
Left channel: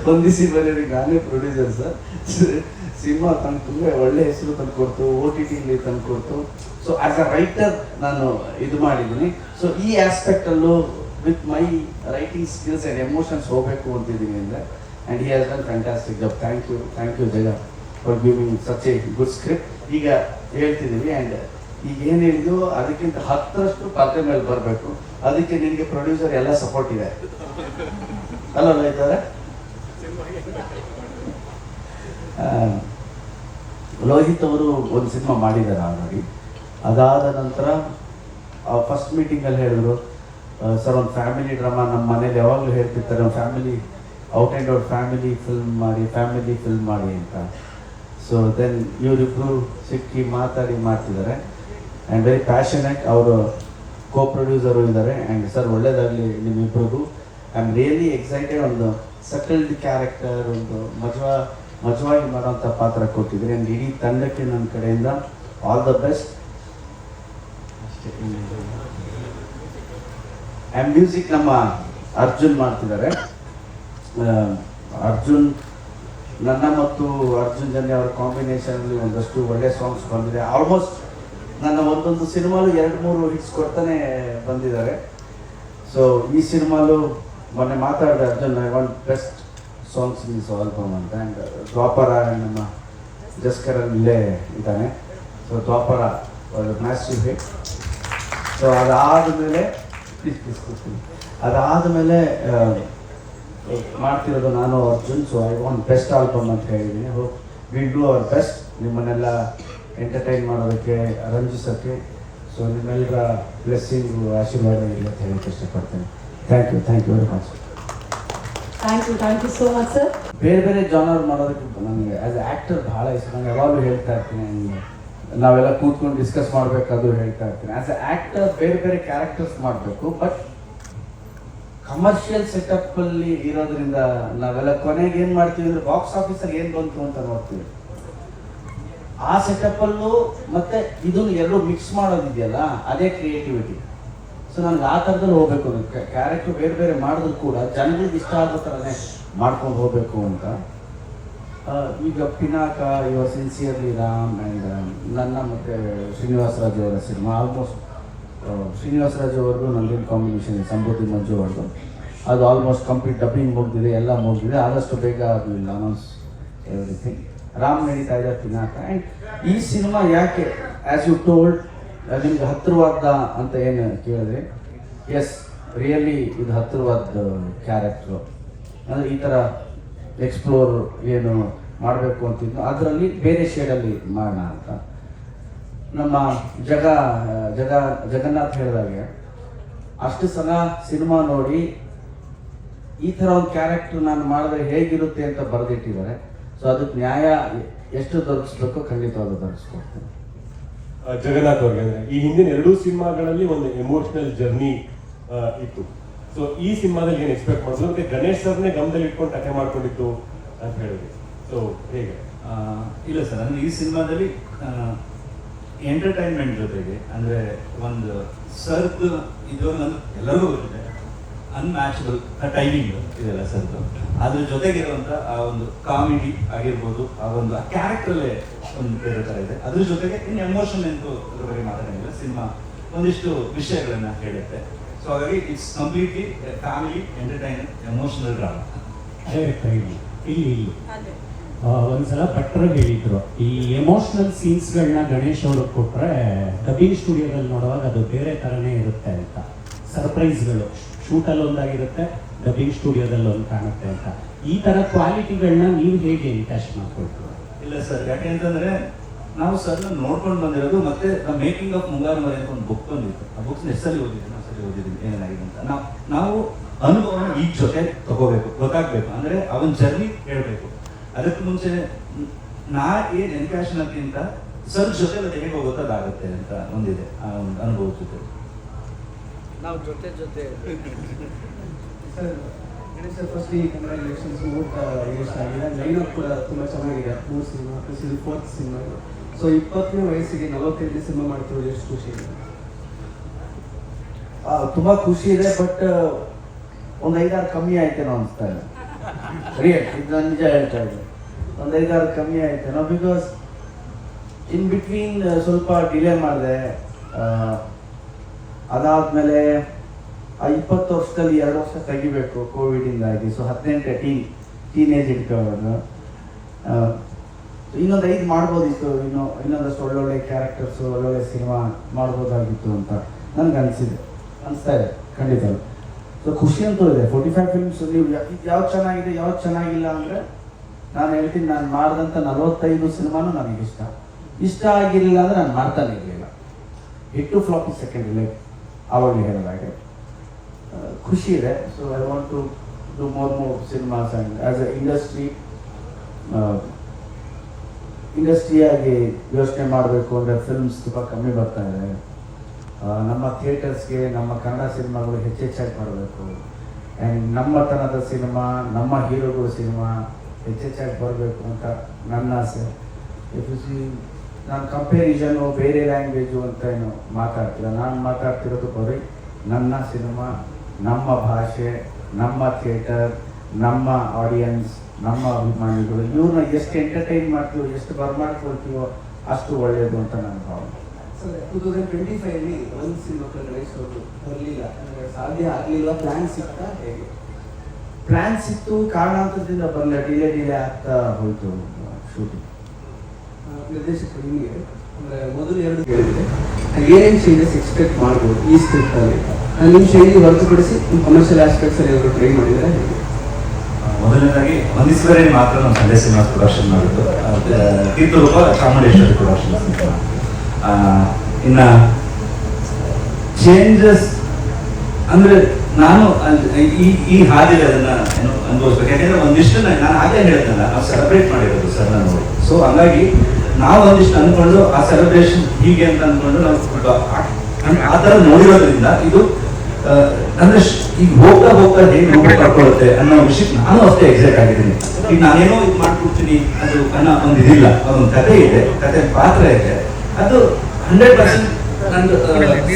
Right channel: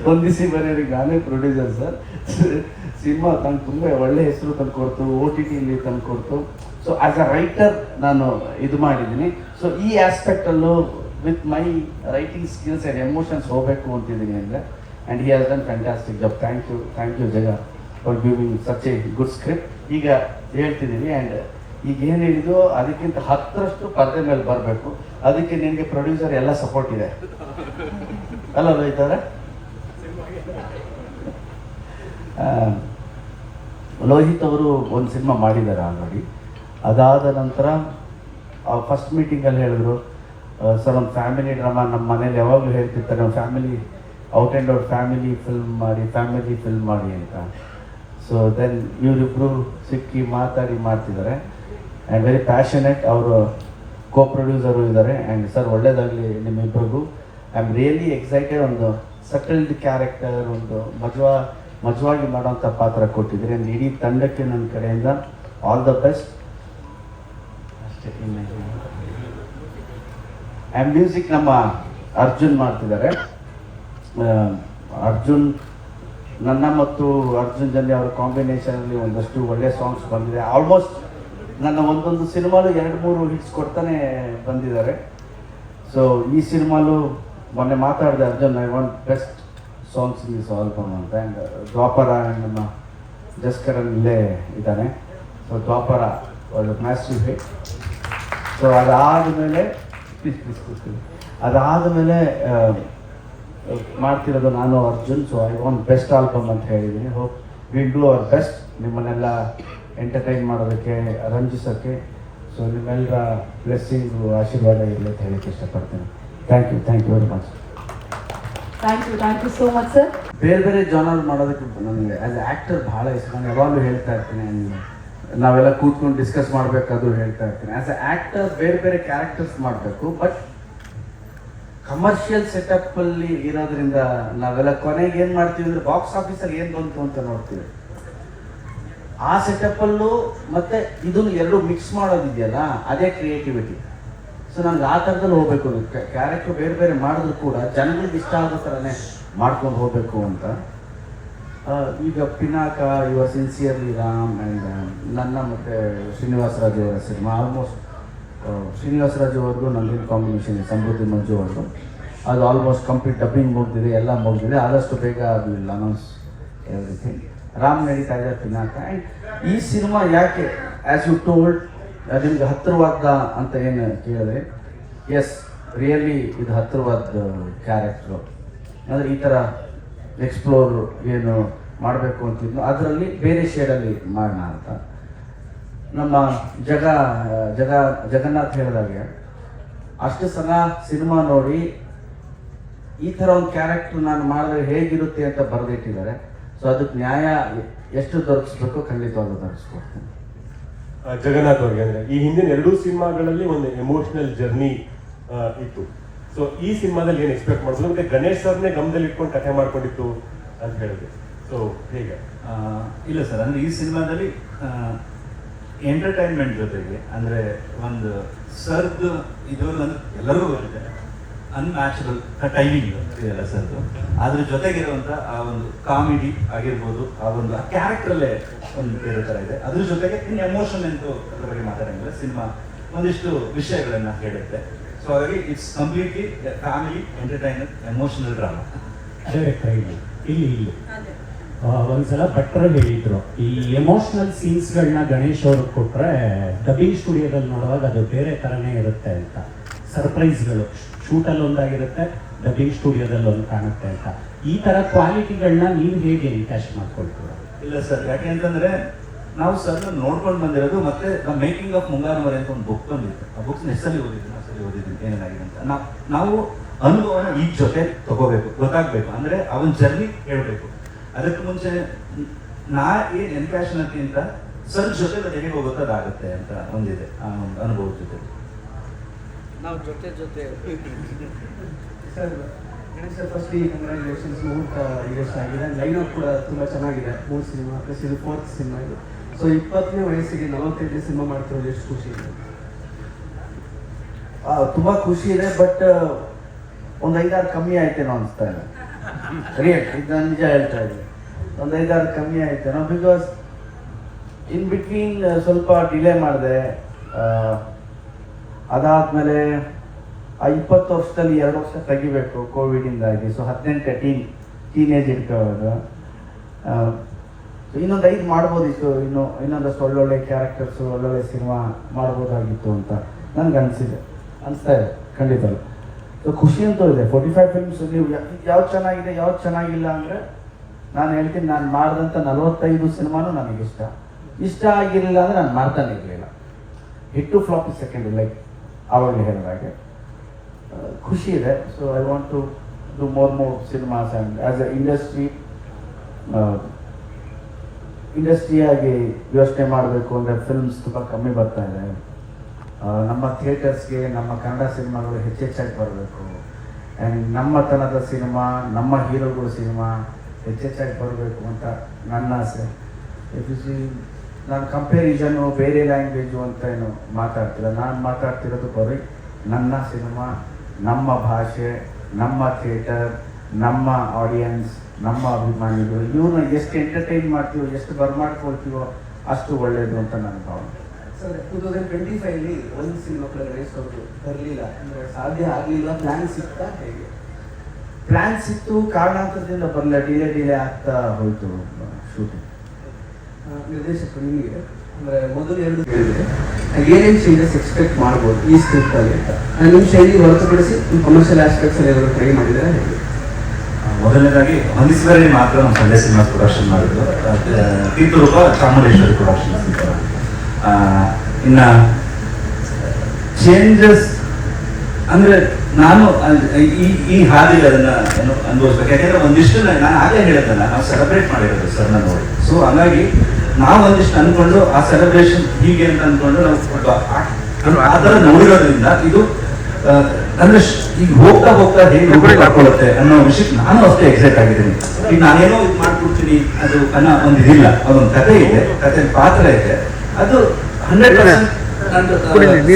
ಹೊಂದಿಸಿ ಬರೆಯಿರಿ ನಾನೇ ಪ್ರೊಡ್ಯೂಸರ್ ಸರ್. ಸಿನಿಮಾ ತಂದು ತುಂಬ ಒಳ್ಳೆ ಹೆಸರು ತಂದು ಕೊಡ್ತು, OTT ತಂದು ಕೊಡ್ತು. ಸೊ ಆಸ್ ಅ ರೈಟರ್ ನಾನು ಇದು ಮಾಡಿದ್ದೀನಿ. ಸೊ ಈ ಆಸ್ಪೆಕ್ಟಲ್ಲೂ with my writing skills and emotions ಹೋಗಬೇಕು ಅಂತಿದ್ದೀನಿ ಅಂದರೆ. And he has done fantastic job. Thank you Jaga for giving such a good script. ಈಗ ಹೇಳ್ತಿದ್ದೀನಿ, ಆ್ಯಂಡ್ ಈಗ ಏನು ಹೇಳಿದ್ವು ಅದಕ್ಕಿಂತ 10ರಷ್ಟು ಪದ್ಯ ಮೇಲೆ ಬರಬೇಕು. ಅದಕ್ಕೆ ನಿನಗೆ ಪ್ರೊಡ್ಯೂಸರ್ ಎಲ್ಲ ಸಪೋರ್ಟ್ ಇದೆ ಅಲ್ಲ ಇದ್ದಾರೆ. ಲೋಹಿತ್ ಅವರು ಒಂದು ಸಿನಿಮಾ ಮಾಡಿದ್ದಾರೆ ಆಲ್ರೆಡಿ. ಅದಾದ ನಂತರ ಫಸ್ಟ್ ಮೀಟಿಂಗಲ್ಲಿ ಹೇಳಿದ್ರು, ಸರ್ ಒಂದು ಫ್ಯಾಮಿಲಿ ಡ್ರಾಮಾ, ನಮ್ಮ ಮನೇಲಿ ಯಾವಾಗಲೂ ಹೇಳ್ತಿರ್ತಾರೆ family out and out family film ಮಾಡಿ ಅಂತ. ಸೊ ದೆನ್ ಇವರಿಬ್ಬರು ಸಿಕ್ಕಿ ಮಾತಾಡಿ ಮಾಡ್ತಿದ್ದಾರೆ. And very passionate. ಅವರು ಕೋ ಪ್ರೊಡ್ಯೂಸರು ಇದ್ದಾರೆ. ಆ್ಯಂಡ್ ಸರ್ ಒಳ್ಳೇದಾಗಲಿ ನಿಮ್ಮಿಬ್ಬರಿಗೂ. I am really excited. ಒಂದು ಸಟಲ್ಡ್ ಕ್ಯಾರೆಕ್ಟರ್, ಒಂದು ಮಜವಾಗಿ ಮಾಡೋಂಥ ಪಾತ್ರ ಕೊಟ್ಟಿದ್ದೀರಿ. ಆ್ಯಂಡ್ ಇಡೀ ತಂಡಕ್ಕೆ ನನ್ನ ಕಡೆಯಿಂದ all the best. And music ನಮ್ಮ ಅರ್ಜುನ್ ಮಾಡ್ತಿದ್ದಾರೆ. ಅರ್ಜುನ್, ನನ್ನ ಮತ್ತು ಅರ್ಜುನ್ ಜನ್ಯ ಅವರ ಕಾಂಬಿನೇಷನಲ್ಲಿ ಒಂದಷ್ಟು ಒಳ್ಳೆ ಸಾಂಗ್ಸ್ ಬಂದಿದೆ. ಆಲ್ಮೋಸ್ಟ್ ನನ್ನ ಒಂದೊಂದು ಸಿನಿಮಾಲು 2-3 ಹಿಟ್ಸ್ ಕೊಡ್ತಾನೆ ಬಂದಿದ್ದಾರೆ. ಸೊ ಈ ಸಿನಿಮಾಲು ಮೊನ್ನೆ ಮಾತಾಡಿದೆ Arjun, I want best songs in this album ಅಂತ. ಆ್ಯಂಡ್ ದ್ವಾಪರ ನಮ್ಮ ಜಸ್ಕರಲ್ಲಿ ಇಲ್ಲೇ ಇದ್ದಾನೆ. ಸೊ ದ್ವಾಪರ ಮ್ಯಾಸಿವ್ ಹಿಟ್. ಸೊ ಅದಾದಮೇಲೆ ಮಾಡ್ತಿರೋದು ನಾನು Arjun. So I want best album ಅಂತ ಹೇಳಿದ್ದೀನಿ. Hope will do our best ನಿಮ್ಮನ್ನೆಲ್ಲ ಎಂಟರ್ಟೈನ್ ಮಾಡೋದಕ್ಕೆ, ರಂಜಿಸೋಕ್ಕೆ. ಸೊ ನಿಮ್ಮೆಲ್ಲರ ಬ್ಲೆಸ್ಸಿಂಗು, ಆಶೀರ್ವಾದ ಇರಲಿ ಅಂತ ಹೇಳಕ್ಕೆ ಇಷ್ಟಪಡ್ತೀನಿ. Thank you very much. Thank you so much sir. ಬೇರೆ ಜಾನರ್ ಮಾಡೋದಕ್ಕೆ ನನಗೆ ಆ್ಯಸ್ ಎ ಆ್ಯಕ್ಟರ್ ಭಾಳ ಇಷ್ಟ. ನಾನು ಯಾವಾಗಲೂ ಹೇಳ್ತಾ ಇರ್ತೀನಿ, ನಾವೆಲ್ಲ ಕೂತ್ಕೊಂಡು ಡಿಸ್ಕಸ್ ಮಾಡಬೇಕಾದ್ರೂ ಹೇಳ್ತಾ ಇರ್ತೀನಿ, ಆ್ಯಸ್ ಎ ಆ್ಯಕ್ಟರ್ ಬೇರೆ ಕ್ಯಾರೆಕ್ಟರ್ಸ್ ಮಾಡಬೇಕು. ಬಟ್ ಕಮರ್ಷಿಯಲ್ ಸೆಟಪ್ಪಲ್ಲಿ ಇರೋದ್ರಿಂದ ನಾವೆಲ್ಲ ಕೊನೆಗೆ ಏನು ಮಾಡ್ತೀವಿ ಅಂದರೆ ಬಾಕ್ಸ್ ಆಫೀಸಲ್ಲಿ ಏನು ಬಂತು ಅಂತ ನೋಡ್ತೀವಿ. ಆ ಸೆಟಪ್ಪಲ್ಲೂ ಮತ್ತೆ ಇದನ್ನು ಎರಡು ಮಿಕ್ಸ್ ಮಾಡೋದಿದೆಯಲ್ಲ, ಅದೇ ಕ್ರಿಯೇಟಿವಿಟಿ. ಸೊ ನನಗೆ ಆ ಥರದಲ್ಲಿ ಹೋಗಬೇಕು. ಕ್ಯಾರೆಕ್ಟರ್ ಬೇರೆ ಮಾಡಿದ್ರು ಕೂಡ ಜನರಿಗೆ ಇಷ್ಟ ಆಗೋ ಥರನೇ ಮಾಡ್ಕೊಂಡು ಹೋಗಬೇಕು ಅಂತ. ಈಗ ಪಿನಾಕ, ಇವ ಸಿನ್ಸಿಯರ್ಲಿ ರಾಮ್ ಆ್ಯಂಡ್ ನನ್ನ ಮತ್ತು ಶ್ರೀನಿವಾಸ ರಾಜು ಅವರ ಸಿನಿಮಾ, ಆಲ್ಮೋಸ್ಟ್ ಶ್ರೀನಿವಾಸ ರಾಜು ಅವ್ರದ್ದು ನಂದೇನು ಕಾಂಬಿನೇಷನ್ ಇದೆ, ಸಮೃದ್ಧಿ ಮಂಜು ಅವ್ರದ್ದು, ಅದು ಆಲ್ಮೋಸ್ಟ್ ಕಂಪ್ಲೀಟ್ ಡಬ್ಬಿಂಗ್ ಮುಗಿದಿದೆ, ಎಲ್ಲ ಮುಗಿದಿದೆ. ಆದಷ್ಟು ಬೇಗ ಅದು ಅನೌನ್ಸ್ ಎವ್ರಿಥಿಂಗ್. ರಾಮ್ ನಡೀತಾ ಇದೆ ಪಿನಾಕ. ಆ್ಯಂಡ್ ಈ ಸಿನಿಮಾ ಯಾಕೆ ಆ್ಯಸ್ ಯು ಟೋಲ್ಡ್ ನಿಮ್ಗೆ ಹತ್ತಿರವಾದ ಅಂತ ಏನು ಕೇಳಿದ್ರೆ, ಎಸ್ ರಿಯಲಿ ಇದು ಹತ್ತಿರವಾದ ಕ್ಯಾರೆಕ್ಟ್ರು. ಅಂದರೆ ಈ ಥರ ಎಕ್ಸ್ಪ್ಲೋರ್ ಏನು ಮಾಡಬೇಕು ಅಂತಿದ್ದು ಅದರಲ್ಲಿ ಬೇರೆ ಶೇಡಲ್ಲಿ ಮಾಡೋಣ ಅಂತ. ನಮ್ಮ ಜಗನ್ನಾಥ್ ಹೇಳಿದಾಗೆ ಅಷ್ಟು ಸಲ ಸಿನಿಮಾ ನೋಡಿ ಈ ಥರ ಒಂದು ಕ್ಯಾರೆಕ್ಟರ್ ನಾನು ಮಾಡಿದ್ರೆ ಹೇಗಿರುತ್ತೆ ಅಂತ ಬರೆದಿಟ್ಟಿದ್ದಾರೆ. ಸೊ ಅದಕ್ಕೆ ನ್ಯಾಯ ಎಷ್ಟು ದೊರಕಿಸ್ಬೇಕೋ ಖಂಡಿತವಾಗ್ಲೂ ದೊರಕಿಸ್ಕೊಡ್ತೀನಿ. ಜಗನ್ನಾಥ್ ಅವ್ರಿಗೆ ಅಂದ್ರೆ ಈ ಹಿಂದಿನ 2 ಸಿನಿಮಾಗಳಲ್ಲಿ ಒಂದು ಎಮೋಷನಲ್ ಜರ್ನಿ ಇತ್ತು. ಸೊ ಈ ಸಿನಿಮಾದಲ್ಲಿ ಏನು ಎಕ್ಸ್ಪೆಕ್ಟ್ ಮಾಡೋದು? ಮತ್ತೆ ಗಣೇಶ್ ಸರ್ನೇ ಗಮನದಲ್ಲಿ ಇಟ್ಕೊಂಡು ಕಥೆ ಮಾಡ್ಕೊಂಡಿತ್ತು ಅಂತ ಹೇಳಿದ್ವಿ. ಸೊ ಹೇಗೆ? ಇಲ್ಲ ಸರ್, ಅಂದ್ರೆ ಈ ಸಿನಿಮಾದಲ್ಲಿ ಎಂಟರ್ಟೈನ್ಮೆಂಟ್ ಜೊತೆಗೆ ಅಂದ್ರೆ ಒಂದು ಸರ್ದು ಇದು ಎಲ್ಲರೂ ಇದೆ ಅನ್ಮ್ಯಾಚಬಲ್ ಟೈಮಿಂಗ್ ಇದೆಲ್ಲ ಸರ್ದು, ಅದ್ರ ಜೊತೆಗಿರುವಂತ ಆ ಒಂದು ಕಾಮಿಡಿ ಆಗಿರ್ಬೋದು, ಆ ಒಂದು ಕ್ಯಾರೆಕ್ಟರಲ್ಲೇ ಒಂದು ಬೇರೆ ಥರ ಇದೆ. ಅದ್ರ ಜೊತೆಗೆ ಇನ್ನು ಎಮೋಷನ್ ಎಂದು ಅದ್ರ ಬಗ್ಗೆ ಮಾತಾಡಂಗಿಲ್ಲ. ಸಿನಿಮಾ ಒಂದಿಷ್ಟು ವಿಷಯಗಳನ್ನ ಹೇಳುತ್ತೆ. ಸೊ ಹಾಗಾಗಿ it's completely family entertainer emotional drama. ಇಲ್ಲಿ ಒಂದ್ಸಲ ಭಟ್ರು ಹೇಳಿದ್ರು, ಈ ಎಮೋಷನಲ್ ಸೀನ್ಸ್ಗಳನ್ನ ಗಣೇಶ್ ಅವ್ರಿಗೆ ಕೊಟ್ರೆ ಡಬ್ಬಿಂಗ್ ಸ್ಟುಡಿಯೋದಲ್ಲಿ ನೋಡುವಾಗ ಅದು ಬೇರೆ ಥರನೇ ಇರುತ್ತೆ ಅಂತ. ಸರ್ಪ್ರೈಸ್ಗಳು ಶೂಟಲ್ಲಿ ಒಂದಾಗಿರುತ್ತೆ, ಡಬ್ಬಿಂಗ್ ಸ್ಟುಡಿಯೋದಲ್ಲಿ ಒಂದು ಕಾಣುತ್ತೆ ಅಂತ. ಈ ಥರ ಕ್ವಾಲಿಟಿಗಳನ್ನ ನೀವು ಹೇಗೆ ಎನ್ಕ್ಯಾಶ್ ಮಾಡ್ಕೊಳ್ತೀವಿ? ಇಲ್ಲ ಸರ್, ಯಾಕೆಂತಂದ್ರೆ ನಾವು ಸರ್ ನೋಡ್ಕೊಂಡು ಬಂದಿರೋದು, ಮತ್ತೆ ದ ಮೇಕಿಂಗ್ ಆಫ್ ಮುಂಗಾರ ಮರೆ ಅಂತ ಒಂದು ಬುಕ್ ಬಂದಿತ್ತು. ಆ ಬುಕ್ಸ್ ಎಷ್ಟಲ್ಲಿ ಓದಿದ್ದೀನಿ ಏನಾಗಿದೆ ಅಂತ. ನಾವು ಅನುಭವನ ಈ ಜೊತೆ ತಗೋಬೇಕು, ಗೊತ್ತಾಗ್ಬೇಕು, ಅಂದ್ರೆ ಅವನ ಜರ್ನಿ ಹೇಳ್ಬೇಕು. ಅದಕ್ಕೆ ಮುಂಚೆ ನಾ ಏನ್ ಎನ್ಕ್ಯಾಶ್ ಅಂತ ಸರ್ ಜೊತೆ ಹೇಗೆ ಹೋಗುತ್ತದಾಗತ್ತೆ ಅಂತ ಒಂದಿದೆ. ಆ ಒಂದು ಅನುಭವದ ಜೊತೆ ನಾವು ಜೊತೆ ಸರ್ ಗಣೇಶ್ ಸರ್, ಫಸ್ಟ್ ಈ ಕಂಗ್ರ್ಯಾಚುಲೇಷನ್ಸ್. 3 ಇಯರ್ಸ್ ಆಗಿದೆ. ಲೈನ್ ಕೂಡ ತುಂಬ ಚೆನ್ನಾಗಿದೆ. 3 ಸಿನಿಮಾ ಪ್ಲಸ್ ಇದು 4th ಸಿನಿಮಾ ಇದು. ಸೊ 20ನೇ ವಯಸ್ಸಿಗೆ 45 ಸಿನಿಮಾ ಮಾಡ್ತಿರೋದು ಎಷ್ಟು ಖುಷಿ ಇದೆ? ತುಂಬಾ ಖುಷಿ ಇದೆ. ಬಟ್ ಒಂದು 5-6 ಕಮ್ಮಿ ಆಯ್ತೇನೋ ಅನಿಸ್ತಾ ಇದೆ. ಇದು ನಿಜ ಹೇಳ್ತಾ ಇದ್ದೆ, ಒಂದು 5-6 ಕಮ್ಮಿ ಆಯ್ತೇನೋ. ಬಿಕಾಸ್ ಇನ್ ಬಿಟ್ವೀನ್ ಸ್ವಲ್ಪ ಡಿಲೇ ಮಾಡಿದೆ. ಅದಾದ್ಮೇಲೆ ಆ 20 ವರ್ಷದಲ್ಲಿ 2 ವರ್ಷ ತೆಗಿಬೇಕು ಕೋವಿಡಿಂದಾಗಿ. ಸೊ 18 ಟೀನೇಜ್ ಇಟ್ಕೊಳ್ಳೋದು. ಇನ್ನೊಂದು 5 ಮಾಡ್ಬೋದಿತ್ತು, ಇನ್ನೊಂದಷ್ಟು ಒಳ್ಳೊಳ್ಳೆ ಕ್ಯಾರೆಕ್ಟರ್ಸು, ಒಳ್ಳೊಳ್ಳೆ ಸಿನಿಮಾ ಮಾಡ್ಬೋದಾಗಿತ್ತು ಅಂತ ನನಗೆ ಅನಿಸ್ತಾ ಇದೆ ಖಂಡಿತ. ಸೊ ಖುಷಿ ಅಂತೂ ಇದೆ. 45 ಫಿಲ್ಮ್ಸ್ ನೀವು ಯಾವ್ದು ಚೆನ್ನಾಗಿದೆ ಯಾವ್ದು ಚೆನ್ನಾಗಿಲ್ಲ ಅಂದರೆ ನಾನು ಹೇಳ್ತೀನಿ, ನಾನು ಮಾಡಿದಂಥ 45 ಸಿನಿಮಾನು ನನಗೆ ಇಷ್ಟ ಆಗಿರಲಿಲ್ಲ ಅಂದರೆ ನಾನು ಮಾಡ್ತಾನೆ ಇರಲಿಲ್ಲ. ಹಿಟ್ಟು ಫ್ಲಾಪ್ ಸೆಕೆಂಡ್ ಲೈಕ್ ಆವಾಗಲೇ ಹೇಳಿದಾಗೆ ಖುಷಿ ಇದೆ. So I want to do more cinemas and as a ಇಂಡಸ್ಟ್ರಿಯಾಗಿ ಯೋಚನೆ ಮಾಡಬೇಕು ಅಂದರೆ ಫಿಲ್ಮ್ಸ್ ತುಂಬ ಕಮ್ಮಿ ಬರ್ತಾ ಇದೆ. ನಮ್ಮ ಥಿಯೇಟರ್ಸ್ಗೆ ನಮ್ಮ ಕನ್ನಡ ಸಿನಿಮಾಗಳು ಹೆಚ್ಚೆಚ್ಚಾಗಿ ಬರಬೇಕು. ಆ್ಯಂಡ್ ನಮ್ಮ ತನದ ಸಿನಿಮಾ, ನಮ್ಮ ಹೀರೋಗಳ ಸಿನಿಮಾ ಹೆಚ್ಚೆಚ್ಚಾಗಿ ಬರಬೇಕು ಅಂತ ನನ್ನ ಆಸೆ. ನಾನು ಕಂಪೇರಿಸನ್ನು ಬೇರೆ ಲ್ಯಾಂಗ್ವೇಜು ಅಂತ ಏನು ಮಾತಾಡ್ತಿಲ್ಲ. ನಾನು ಮಾತಾಡ್ತಿರೋದು ಬರೀ ನನ್ನ ಸಿನಿಮಾ, ನಮ್ಮ ಭಾಷೆ, ನಮ್ಮ ಥಿಯೇಟರ್, ನಮ್ಮ ಆಡಿಯನ್ಸ್, ನಮ್ಮ ಅಭಿಮಾನಿಗಳು. ಇವ್ರನ್ನ ಎಷ್ಟು ಎಂಟರ್ಟೈನ್ ಮಾಡ್ತೀವೋ, ಎಷ್ಟು ಬರ್ಮಾಡ್ಕೊಳ್ತೀವೋ ಅಷ್ಟು ಒಳ್ಳೆಯದು ಅಂತ ನನ್ನ ಭಾವನೆ. ಸರ್ 2025 ಒಂದು ಸಿನಿಮಾ ಗಣೇಶ್ ಅವರು ಬರಲಿಲ್ಲ, ಸಾಧ್ಯ ಆಗಲಿಲ್ಲ. ಪ್ಲ್ಯಾನ್ ಸಿಗ್ತಾ ಹೇಗೆ? ಪ್ಲ್ಯಾನ್ ಸಿಕ್ತು, ಕಾರಣಾಂತರದಿಂದ ಬರಲಿಲ್ಲ. ಡಿಲೇ ಆಗ್ತಾ ಹೋಯಿತು ಶೂಟಿಂಗ್. ನಿರ್ದೇಶಕರು ನಿಮಗೆ ಅಂದರೆ ಮೊದಲು 2 ಹೇಳಿದೆ, ಏನೇನು ಚೇಂಜಸ್ ಎಕ್ಸ್ಪೆಕ್ಟ್ ಮಾಡ್ಬೋದು ಈ ಸ್ಕ್ರಿಪ್ಟಲ್ಲಿ ಅಂತ. ನಿಮ್ಮ ಶೈಲಿಗೆ ಹೊರತುಪಡಿಸಿ ನಿಮ್ಮ ಕಮರ್ಷಿಯಲ್ ಆಸ್ಪೆಕ್ಟ್ಸ್ ಏನಾದರೂ ಟ್ರೈ ಮಾಡಿದ್ರೆ ಹೇಗೆ? ಮೊದಲನೇದಾಗಿ ಮನೀಶ್ವರಿ ಮಾತ್ರ ನಮ್ಮ ಸಂಡೇ ಸಿನಿಮಾ ಪ್ರೊಡಕ್ಷನ್ ಮಾಡಿದ್ದು, ತೀರ್ಥರೂಪ ಚಾಮುಂಡೇಶ್ವರಿ ಪ್ರೊಡಕ್ಷನ್ಸ್. ಇನ್ನ ಚೇಂಜಸ್ ಅಂದ್ರೆ ನಾನು ಈ ಹಾದಿಗೆ ಅದನ್ನ ಏನು ಅನುಭವಿಸ್ಬೇಕು. ಯಾಕಂದ್ರೆ ಒಂದಿಷ್ಟು ನಾನು ಆಗಲೇ ಹೇಳಿದ್ದಲ್ಲ, ನಾವು ಸೆಲೆಬ್ರೇಟ್ ಮಾಡಿರೋದು ಸರ್ ನಾನು. ಸೊ ಹಂಗಾಗಿ ನಾವು ಒಂದಿಷ್ಟು ಅನ್ಕೊಂಡು ಆ ಸೆಲೆಬ್ರೇಷನ್ ಹೀಗೆ ಅಂತ ಅನ್ಕೊಂಡು ನಾವು ಆ ಥರ ನೋಡಿರೋದ್ರಿಂದ ಇದು ಅಂದ್ರೆ ಈಗ ಹೋಗ್ತಾ ಹೇಗೆ ಹಾಕೊಳ್ಳುತ್ತೆ ಅನ್ನೋ ವಿಷಯಕ್ಕೆ ನಾನು ಅಷ್ಟೇ ಎಕ್ಸೈಟ್ ಆಗಿದ್ದೀನಿ. ಈಗ ನಾನೇನೋ ಇದು ಮಾಡ್ಕೊಡ್ತೀನಿ ಅದು ಅನ್ನೋ ಒಂದು ಇದಿಲ್ಲ. ಒಂದು ಕಥೆ ಇದೆ, ಕಥೆ ಪಾತ್ರ ಇದೆ, ಅದು 100%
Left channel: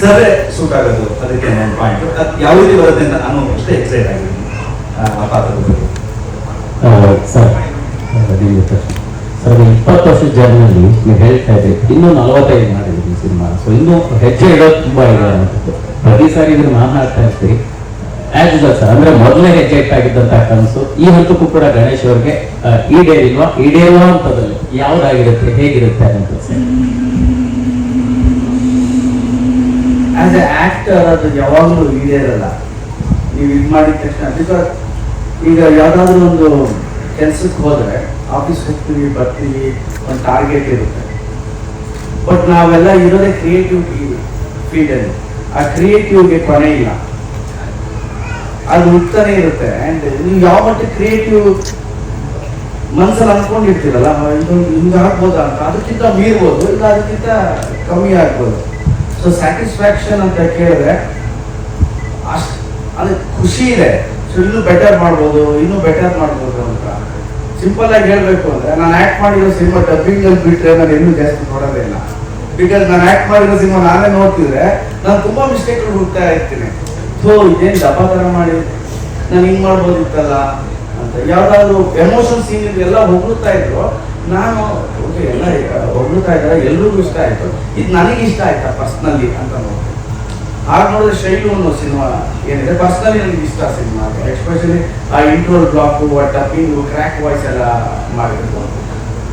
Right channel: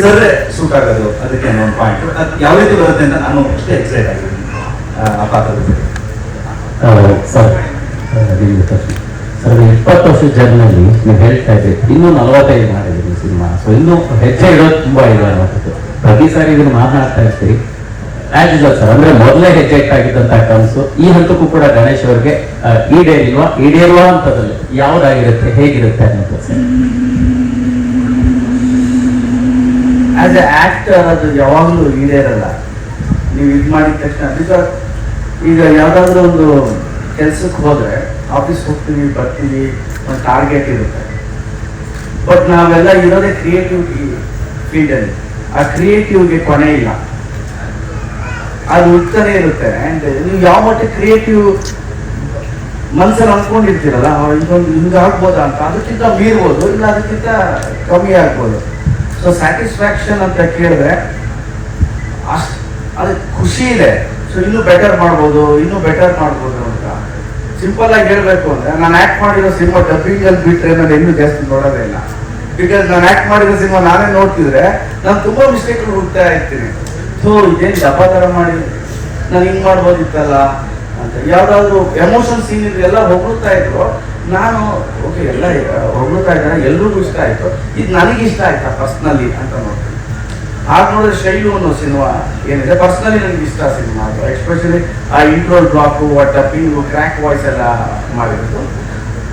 ಸರ್ರೆ ಸೂಟ್ ಆಗೋದು. ಅದಕ್ಕೆ ಒಂದು ಪಾಯಿಂಟ್ ಅದು ಯಾವ ರೀತಿ ಬರುತ್ತೆ ಅಂತ ನಾನು ಅಷ್ಟೇ ಎಕ್ಸೈಟ್ ಆಗಿದ್ದೀನಿ ಆ ಪಾತ್ರದ ಬಗ್ಗೆ. ಸರ್ 20 ವರ್ಷದ ಜರ್ನಿಯಲ್ಲಿ ನೀವು ಹೇಳ್ತಾ ಇದ್ದೀರಿ, ಇನ್ನೂ 45 ಮಾಡಿದ್ದೀವಿ ಸಿನಿಮಾ. ಸೊ ಇನ್ನೂ ಹೆಜ್ಜೆ ಇಡೋದು ತುಂಬ ಇದೆ ಅನ್ನೋದು ಪ್ರತಿ ಸಾರಿ ಇದನ್ನು ಮಾತನಾಡ್ತಾ ಇರ್ತೀರಿ. ಆಸ್ ಸರ್ ಅಂದ್ರೆ ಮೊದಲೇ ಹೆಜ್ಜೆ ಇಟ್ಟಾಗಿದ್ದಂಥ ಕನಸು ಈ ಹಂತಕ್ಕೂ ಕೂಡ ಗಣೇಶ್ ಅವ್ರಿಗೆ ಈಡೇರುವ ಹಂತದಲ್ಲಿ ಯಾವುದಾಗಿರುತ್ತೆ, ಹೇಗಿರುತ್ತೆ ಅನ್ನೋದು? ಆಸ್ ಎ ಆಕ್ಟರ್ ಅದು ಯಾವಾಗಲೂ ಈಡೇರಲ್ಲ. ನೀವು ಇದು ಮಾಡಿದ ತಕ್ಷಣ, ಬಿಕಾಸ್ ಈಗ ಯಾವುದಾದ್ರೂ ಒಂದು ಕೆಲಸಕ್ಕೆ ಹೋದರೆ ಆಫೀಸ್ಗೆ ಹೋಗ್ತೀವಿ, ಬರ್ತೀವಿ, ಒಂದು ಟಾರ್ಗೆಟ್ ಇರುತ್ತೆ. ಬಟ್ ನಾವೆಲ್ಲ ಇರೋದೇ ಕ್ರಿಯೇಟಿವ್ ಫೀಲ್ಡಲ್ಲಿ. ಆ ಕ್ರಿಯೇಟಿವ್ಗೆ ಕೊನೆ ಇಲ್ಲ, ಅದು ಹುಡ್ತಾನೆ ಇರುತ್ತೆ. ಆ್ಯಂಡ್ ನೀವು ಯಾವ ಮಟ್ಟ ಕ್ರಿಯೇಟಿವ್ ಮನಸ್ಸಲ್ಲಿ ಅಂದ್ಕೊಂಡಿರ್ತೀರಲ್ಲ, ಇದೊಂದು ಹಿಂಗೆ ಆಗ್ಬೋದಾ ಅಂತ, ಅದಕ್ಕಿಂತ ಮೀರ್ಬೋದು, ಇಲ್ಲ ಅದಕ್ಕಿಂತ ಕಮ್ಮಿ ಆಗ್ಬೋದು. ಸೊ ಸ್ಯಾಟಿಸ್ಫ್ಯಾಕ್ಷನ್ ಅಂತ ಕೇಳಿದ್ರೆ ಅಷ್ಟು ಅದಕ್ಕೆ ಖುಷಿ ಇದೆ. ಸೊ ಇನ್ನೂ ಬೆಟರ್ ಮಾಡ್ಬೋದು ಅಂತ ಸಿಂಪಲ್ ಆಗಿ ಹೇಳ್ಬೇಕು ಅಂದ್ರೆ, ನಾನು ಆಕ್ಟ್ ಮಾಡಿರೋ ಸಿನಿಮಾ ಡಬ್ಬಿಂಗ್ ಅಲ್ಲಿ ಬಿಟ್ಟರೆ ನಾನು ಇನ್ನೂ ಜಾಸ್ತಿ ನೋಡೋದೇ ಇಲ್ಲ. ಬಿಕಾಸ್ ನಾನು ಆಕ್ಟ್ ಮಾಡಿರೋ ಸಿನಿಮಾ ನಾನೇ ನೋಡ್ತಿದ್ರೆ ನಾನು ತುಂಬಾ ಮಿಸ್ಟೇಕ್ಗಳು ಹುಡುಕ್ತಾ ಇರ್ತೀನಿ. ಸೊ ಇದೇನು ಡಬ್ಬ ಥರ ಮಾಡಿ ನಾನು ಹಿಂಗೆ ಮಾಡ್ಬೋದಿತ್ತಲ್ಲ ಅಂತ. ಯಾವ್ದಾದ್ರು ಎಮೋಷನ್ ಸೀನ್ ಇದ್ರೆ ಎಲ್ಲ ಹೊಗಳ್ತಾ ಇದ್ರು, ನಾನು ಓಕೆ ಎಲ್ಲ ಹೊಗಳ್ತಾ ಇದ್ದಾರೆ, ಎಲ್ರಿಗೂ ಇಷ್ಟ ಆಯ್ತು, ಇದು ನನಗೆ ಇಷ್ಟ ಆಯ್ತಾ ಪರ್ಸ್ನಲಿ ಅಂತ ನೋಡ್ತೀನಿ. ಹಾಗೆ ನೋಡಿದ್ರೆ ಶೈಲು ಅನ್ನೋ ಸಿನಿಮಾ ಏನಿದೆ, ಪರ್ಸ್ನಲಿ ನನಗೆ ಇಷ್ಟ ಸಿನಿಮಾ. ಎಸ್ಪೆಷಲಿ ಆ ಇಂಟ್ರೋಲ್ ಬ್ಲಾಕು, ಆ ಡಬ್ಬಿಂಗು, ಕ್ರ್ಯಾಕ್ ವಾಯ್ಸ್ ಎಲ್ಲ ಮಾಡಿರೋದು.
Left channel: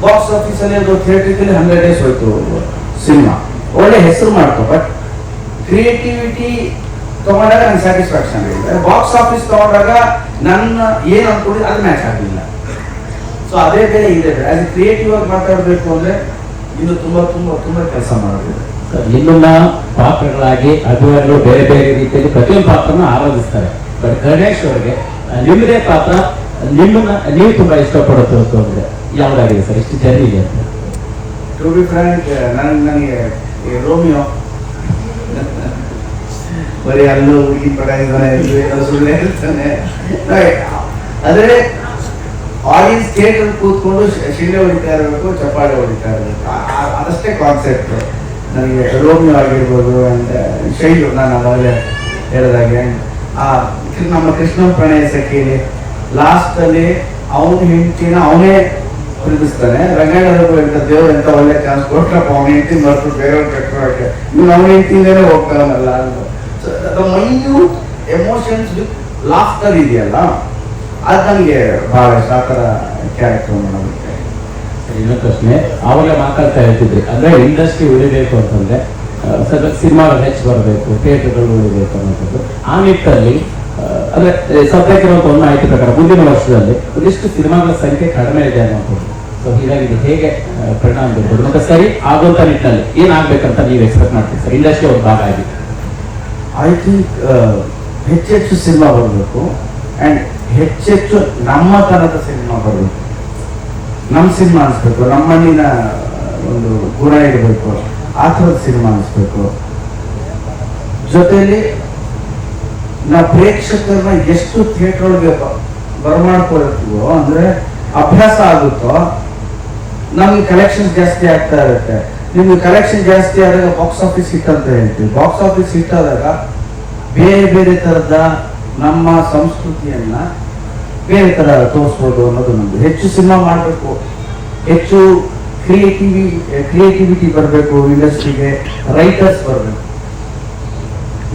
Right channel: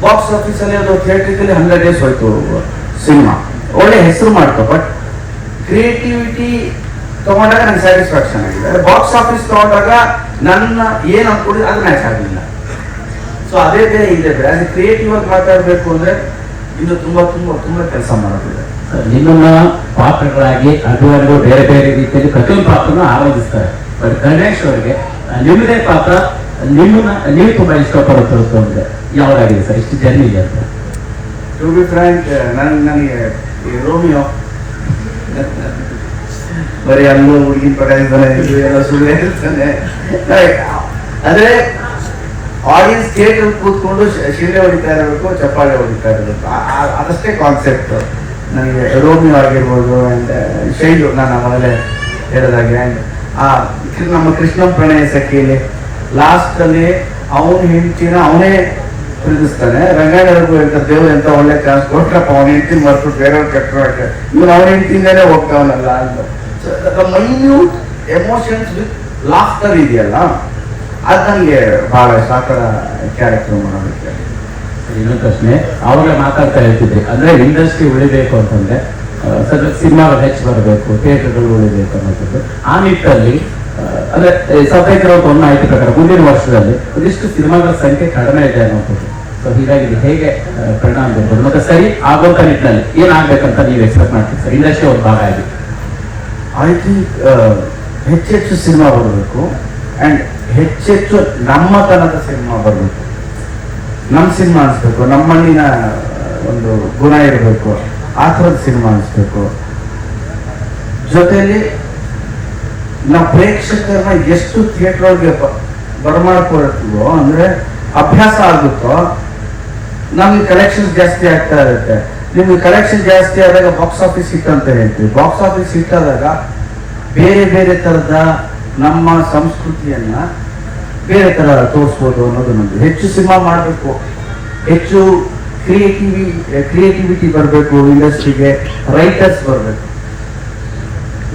ಬಾಕ್ಸ್ ಆಫೀಸಲ್ಲಿ ಅದು ಥಿಯೇಟ್ರಿಕಲ್ಲಿ 100 days ಹೋಯ್ತು ಸಿನಿಮಾ, ಒಳ್ಳೆ ಹೆಸರು ಮಾಡ್ತು. ಬಟ್ ಕ್ರಿಯೇಟಿವಿಟಿ ತಗೊಂಡಾಗ ನನಗೆ ಸ್ಯಾಟಿಸ್ಫ್ಯಾಕ್ಷನ್ ಆಗಿದೆ. ಬಾಕ್ಸ್ ಆಫೀಸ್ ತಗೊಂಡಾಗ ನನ್ನ ಏನು ಅನ್ಕೊಂಡಿದ್ದು ಅದು ಮ್ಯಾಚ್ ಆಗಲಿಲ್ಲ. ಸೊ ಅದೇ ಬೇರೆ ಇದೆ. ಆಸ್ ಕ್ರಿಯೇಟಿವ್ ಆಗಿ ಮಾತಾಡಬೇಕು ಅಂದ್ರೆ ಇನ್ನು ತುಂಬಾ ಕೆಲಸ ಮಾಡೋದಿದೆ. ನಿಮ್ಮನ್ನ ಪಾತ್ರಗಳಾಗಿ ಅಭಿಮಾನಿಗಳು ಬೇರೆ ಬೇರೆ ರೀತಿಯಲ್ಲಿ ಪ್ರತಿಯೊಂದು ಪಾತ್ರನ ಆರಾಧಿಸ್ತಾರೆ. ಬಟ್ ಗಣೇಶ್ ಅವರಿಗೆ ನಿಮ್ಮದೇ ಪಾತ್ರ, ನಿಮ್ಮನ್ನ ನೀವು ತುಂಬಾ ಇಷ್ಟಪಡುತ್ತೆ ಅಂದ್ರೆ ಯಾವ್ದಾಗಿದೆ ಸರ್? ಎಷ್ಟು ಜರ್ನಿ ಇದೆ ಅಂತ? ಟು ಬಿ ಫ್ರ್ಯಾಂಕ್, ನನಗೆ ರೋಮಿಯೋ ಬರೀ ಅಲ್ಲೂ ಹುಡುಗಿ ಪಟಾಯಿಸ್ತಾನೆ, ಸುಳ್ಳೆ ಇರ್ತಾನೆ. ಅಂದ್ರೆ ಆಡಿಯನ್ಸ್ ಥಿಯೇಟರ್ ಕೂತ್ಕೊಂಡು ಶಿಲೆ ಹೊಡಿತಾ ಇರಬೇಕು, ಚಪ್ಪಾಳೆ ಹೊಡಿತಾ ಇರಬೇಕು, ಅದಷ್ಟೇ ಕಾನ್ಸೆಪ್ಟ್. ನನಗೆ ರೋಮಿಯೋ ಆಗಿರ್ಬೋದು ಅಂಡ್ ಶೈಲು, ನಾನು ಮೊದಲೇ ಹೇಳಿದಾಗೆ. ಆ್ಯಂಡ್ ನಮ್ಮ ಕೃಷ್ಣ ಪ್ರಣಯ ಸಖಿಲಿ ಲಾಸ್ಟ್ ಅಲ್ಲಿ ಅವನ ಹೆಂಡತಿನ ಅವನೇ ಪ್ರೀತಿಸ್ತಾನೆ. ರಂಗಾಯಣದವ್ರಿಗೂ ಎಂತ ದೇವ್ರು ಎಂತ ಒಳ್ಳೆ ಚಾನ್ಸ್ ಕೊಟ್ರಪ್ಪ, ಅವನ ಹೆಂಡತಿ ಮರೆತು ಬೇರೆಯವ್ರು ಕಟ್ಟೋಕೆ, ಇವ್ನು ಅವನ ಹೆಂಡತಿಂದಲೇ ಹೋಗ್ತಾವನಲ್ಲ. ಮೈನ್ಯೂಟ್ ಎಮೋಷನ್ಸ್ ವಿತ್ ಲಾಫ್ಟರ್ ಇದೆಯಲ್ಲ, ಅದು ನನಗೆ ಬಹಳ ಇಷ್ಟ. ಆ ಥರ ಕ್ಯಾರೆಕ್ಟರ್ ಮಾಡೋದಕ್ಕೆ. ಇನ್ನೊಂದು ಪ್ರಶ್ನೆ, ಅವಾಗ ಮಾತಾಡ್ತಾ ಇರ್ತಿದ್ರಿ, ಅಂದ್ರೆ ಇಂಡಸ್ಟ್ರಿ ಉಳಿಬೇಕು ಅಂತಂದ್ರೆ ಸಿನಿಮಾಗಳು ಹೆಚ್ಚು ಬರಬೇಕು, ಥಿಯೇಟರ್ಗಳು ಉಳಿಬೇಕು ಅನ್ನೋದು. ಆ ನಿಟ್ಟಲ್ಲಿ ಅಂದ್ರೆ ಸದ್ಯಕ್ಕಿರೋ ಒಂದು ಮಾಹಿತಿ ಪ್ರಕಾರ ಮುಂದಿನ ವರ್ಷದಲ್ಲಿ ಒಂದಿಷ್ಟು ಸಿನಿಮಾಗಳ ಸಂಖ್ಯೆ ಕಡಿಮೆ ಇದೆ ಅನ್ನೋದು. ಸೊ ಹೀಗಾಗಿ ಇದು ಹೇಗೆ ಪರಿಣಾಮ ಬೀರ್ಬೋದು ಮತ್ತೆ ಸರಿ ಆಗೋಂಥ ನಿಟ್ಟಿನಲ್ಲಿ ಏನಾಗಬೇಕಂತ ನೀವು ಎಕ್ಸ್ಪೆಕ್ಟ್ ಮಾಡ್ತೀವಿ ಸರ್, ಇಂಡಸ್ಟ್ರಿ ಒಂದು ಭಾಗ ಆಗಿ? ಐ ಥಿಂಕ್ ಹೆಚ್ಚೆಚ್ಚು ಸಿನಿಮಾ ಬರಬೇಕು ಆ್ಯಂಡ್ ಹೆಚ್ಚೆಚ್ಚು ನಮ್ಮತನದ ಸಿನಿಮಾ ಬರಬೇಕು. ನಮ್ಮ ಸಿನಿಮಾ ಅನಿಸ್ಬೇಕು, ನಮ್ಮ ಮಣ್ಣಿನ ಒಂದು ಗುಣ ಇರಬೇಕು, ಆ ಥರದ ಸಿನಿಮಾ ಅನಿಸ್ಬೇಕು. ಜೊತೆಯಲ್ಲಿ ನಾವು ಪ್ರೇಕ್ಷಕರನ್ನ ಎಷ್ಟು ಥಿಯೇಟರ್ ಒಳಗೆ ಬರಮಾಡ್ಕೊಳ್ತೀವೋ, ಅಂದ್ರೆ ಅಭ್ಯಾಸ ಆಗುತ್ತೋ, ನಮ್ಗೆ ಕಲೆಕ್ಷನ್ ಜಾಸ್ತಿ ಆಗ್ತಾ ಇರುತ್ತೆ. ನಿಮ್ಗೆ ಕಲೆಕ್ಷನ್ ಜಾಸ್ತಿ ಆದಾಗ ಬಾಕ್ಸ್ ಆಫೀಸ್ ಹಿಟ್ ಅಂತ ಹೇಳ್ತೀವಿ. ಬಾಕ್ಸ್ ಆಫೀಸ್ ಹಿಟ್ ಆದಾಗ ಬೇರೆ ಬೇರೆ ಥರದ ನಮ್ಮ ಸಂಸ್ಕೃತಿಯನ್ನ ಬೇರೆ ಥರ ತೋರಿಸ್ಬೋದು ಅನ್ನೋದು ನಮ್ಗೆ. ಹೆಚ್ಚು ಸಿನಿಮಾ ಮಾಡಬೇಕು, ಹೆಚ್ಚು ಕ್ರಿಯೇಟಿವಿಟಿ ಬರಬೇಕು ಇಂಡಸ್ಟ್ರಿಗೆ, ರೈಟರ್ಸ್ ಬರಬೇಕು.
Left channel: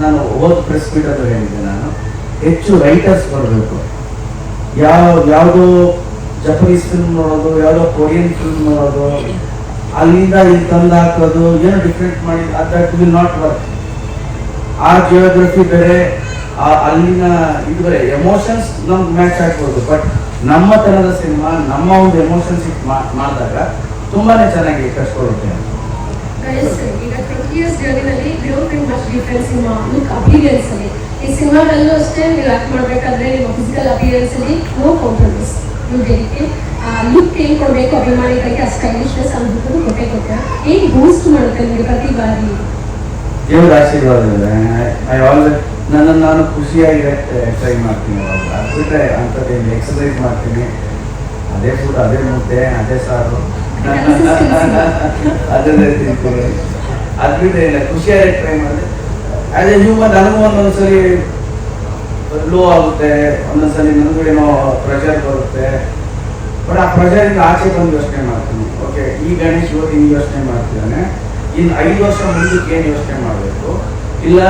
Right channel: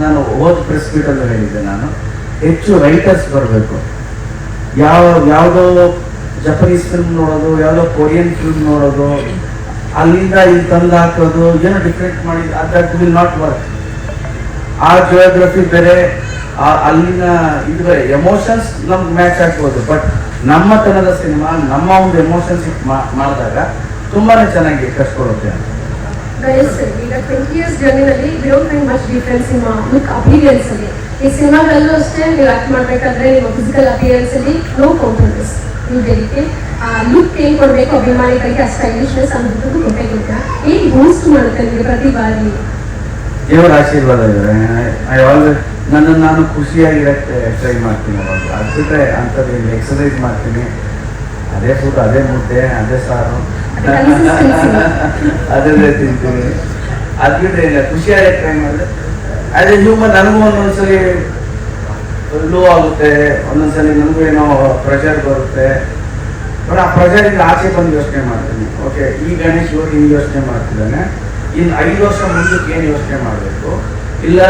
ನಾನು ಹೋದ ಪ್ರೆಸ್ ಮೀಟ್ ಅಂತ ಹೇಳಿದ್ದೆ, ನಾನು ಹೆಚ್ಚು ರೈಟರ್ಸ್ ಬರಬೇಕು. ಯಾವುದೋ ಜಪನೀಸ್ ಫಿಲ್ಮ್ ನೋಡೋದು, ಯಾವುದೋ ಕೊರಿಯನ್ ಫಿಲ್ಮ್ ನೋಡೋದು, ಅಲ್ಲಿಂದ ಇಲ್ಲಿ ತಂದು ಹಾಕೋದು, ಏನೋ ಡಿಫ್ರೆಂಟ್ ಮಾಡಿ, ದಟ್ ವಿಲ್ ನಾಟ್ ವರ್ಕ್. ಆ ಜಿಯೋಗ್ರಫಿ ಬೇರೆ, ಅಲ್ಲಿನ ಇದು ಎಮೋಷನ್ಸ್ ನಮ್ಗೆ ಮ್ಯಾಚ್ ಆಗ್ಬೋದು. ಬಟ್ ನಮ್ಮ ತನದ ಸಿನಿಮಾ, ನಮ್ಮ ಒಂದು ಎಮೋಷನ್ಸ್ ಮಾಡಿದಾಗ ತುಂಬಾನೇ ಚೆನ್ನಾಗಿ ಕಳ್ಸ್ಕೊಡುತ್ತೆ. ಈಗ 20 years ಜರ್ನಿನಲ್ಲಿ we don't find much difference in look appearance ಅಲ್ಲಿ. ಈ ಸಿನಿಮಾದಲ್ಲೂ ಅಷ್ಟೇ ನೀವು ಆಕ್ಟ್ ಮಾಡಬೇಕಾದ್ರೆ ನಿಮ್ಮ ಫಿಸಿಕಲ್ ಅಪಿಯರೆನ್ಸ್ ಅಲ್ಲಿ ನೋ ಕಾಂಪ್ರಮೈಸ್. ನೀವು ಬೇರೆ ಲುಕ್ ಏನ್ ಕೊಡಬೇಕು ಅಭಿಮಾನಿಗಳಿಗೆ, ಆ ಸ್ಟೈಲಿಶ್ನೆಸ್ ಅನ್ನೋದು ಕೊಟ್ಟೆ ಕೊಟ್ಟರೆ ಏನು ಬೂಸ್ಟ್ ಮಾಡುತ್ತೆ ನಿಮಗೆ ಪ್ರತಿ ಬಾರಿ? ದೇವರ ಆಶೀರ್ವಾದ ಇದೆ. ನಾನು ಖುಷಿಯಾಗಿರಕ್ಕೆ ಟ್ರೈ ಮಾಡ್ತೀನಿ. ಅದು ಬಿಟ್ಟರೆ ಅಂಥದ್ದು ಎಕ್ಸಸೈಸ್ ಮಾಡ್ತೀನಿ, ಅದೇ ಫುಡ್, ಅದೇ ಮುದ್ದೆ, ಅದೇ ಸಾರು, ಅದೇ ತಿಂತೀನಿ. ಅದು ಬಿಟ್ಟರೆ ಇಲ್ಲ, ಖುಷಿಯಾಗಿ ಟ್ರೈ ಮಾಡಿದ್ರೆ ಆಸ್ ಎ ಹ್ಯೂಮನ್ ನನಗೂ ಒಂದೊಂದ್ಸಲಿ ಲೋ ಆಗುತ್ತೆ, ಒಂದೊಂದ್ಸಲಿ ನನಗೂ ಏನೋ ಪ್ರೆಷರ್ ಬರುತ್ತೆ. ಬಟ್ ಆ ಪ್ರೆಷರಿಂದ ಆಚೆ ಬಂದು ಯೋಚನೆ ಮಾಡ್ತೀನಿ. ಓಕೆ, ಈ ಗಣೇಶ್ ಇವತ್ತು ಹಿಂಗೆ ಯೋಚನೆ ಮಾಡ್ತಿದ್ದಾನೆ, ಇನ್ನು 5 ವರ್ಷ ಮುಂದಕ್ಕೆ ಏನು ಯೋಚನೆ ಮಾಡಬೇಕು, ಇಲ್ಲ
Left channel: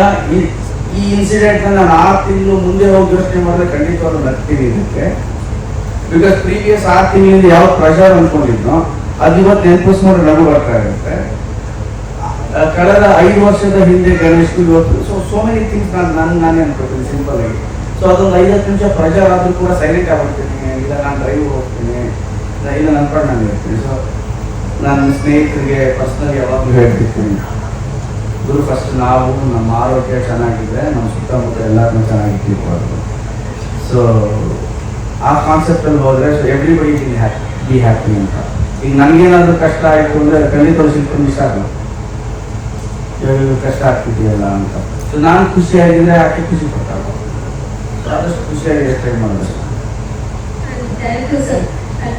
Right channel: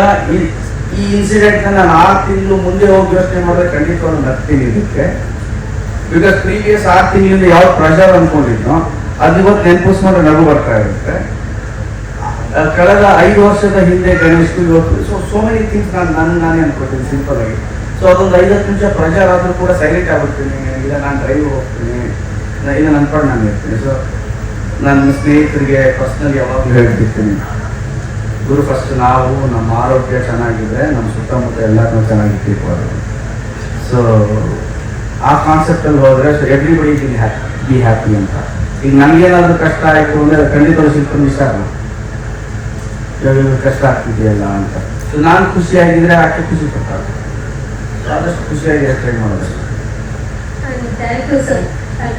ಈ ಇನ್ಸಿಡೆಂಟ್ ನಾನು 6 ತಿಂಗಳು ಮುಂದೆ ಹೋಗಿ ಯೋಚನೆ ಮಾಡಿದ್ರೆ ಖಂಡಿತವಾಗ್ಲೂ ನಗ್ತೀನಿ ಇದಕ್ಕೆ. ಬಿಕಾಸ್ ಪ್ರೀವಿಯಸ್ 6 ತಿಂಗಳಿಂದ ಯಾವ ಪ್ರೆಷರ್ ಅಂದ್ಕೊಂಡಿದ್ನೋ ಅದು ಇವತ್ತು ನೆನಪಿಸ್ಕೊಂಡ್ರೆ ನಗು ಬರ್ತಾ ಇರುತ್ತೆ. ಕಳೆದ 5 ವರ್ಷದ ಹಿಂದೆ ಗಣೇಶ್ಗೂ ಇವತ್ತು ಸೋ ಮೆನಿ ಥಿಂಗ್ಸ್ ನಾನೇ ಅನ್ಕೊಳ್ತೀನಿ ಸಿಂಪಲ್ ಆಗಿ. ಸೊ ಅದೊಂದು 5-10 ನಿಮಿಷ ಪ್ರೆಷರ್ ಆದರೂ ಕೂಡ ಸೈಲೆಂಟ್ ಆಗ್ಬಿಡ್ತೀನಿ, ಇಲ್ಲ ನಾನು ಡ್ರೈವ್ ಹೋಗ್ತೀನಿ, ಇಲ್ಲ ನನ್ನ ಪಡ್ ನಾನು ಇರ್ತೀನಿ. ಸೊ ನನ್ನ ಸ್ನೇಹಿತರಿಗೆ ಪರ್ಸ್ನಲ್ ಯಾವಾಗಲೂ ಹೇಳ್ತಿರ್ತೀನಿ, ಗುರು ಫಸ್ಟ್ ನಾವು ನಮ್ಮ ಆರೋಗ್ಯ ಚೆನ್ನಾಗಿದ್ರೆ ನಮ್ಮ ಸುತ್ತಮುತ್ತ ಎಲ್ಲರೂ ಚೆನ್ನಾಗಿರ್ತೀವಿ. ಸೊ ಆ ಕಾನ್ಸೆಪ್ಟಲ್ಲಿ ಹೋದರೆ ಎವ್ರಿಬಡಿ ಬಿ ಹ್ಯಾಪಿ ಅಂತ. ಈಗ ನನಗೇನಾದರೂ ಕಷ್ಟ ಆಯಿತು ಅಂದರೆ ಖಂಡಿತ ಶಿಲ್ಪನ ಇಷ್ಟ ಆಗಲ್ಲ, ಕಷ್ಟ ಆಗ್ತಿದೆಯಲ್ಲ ಅಂತ. ಸೊ ನಾನು ಖುಷಿಯಾಗಿದ್ರೆ ಆಕೆ ಖುಷಿ ಪಡ್ತಾರೆ. ಸೊ ಆದಷ್ಟು ಖುಷಿಯಾಗಿ ಟ್ರೈ ಮಾಡೋದು. Thank you sir.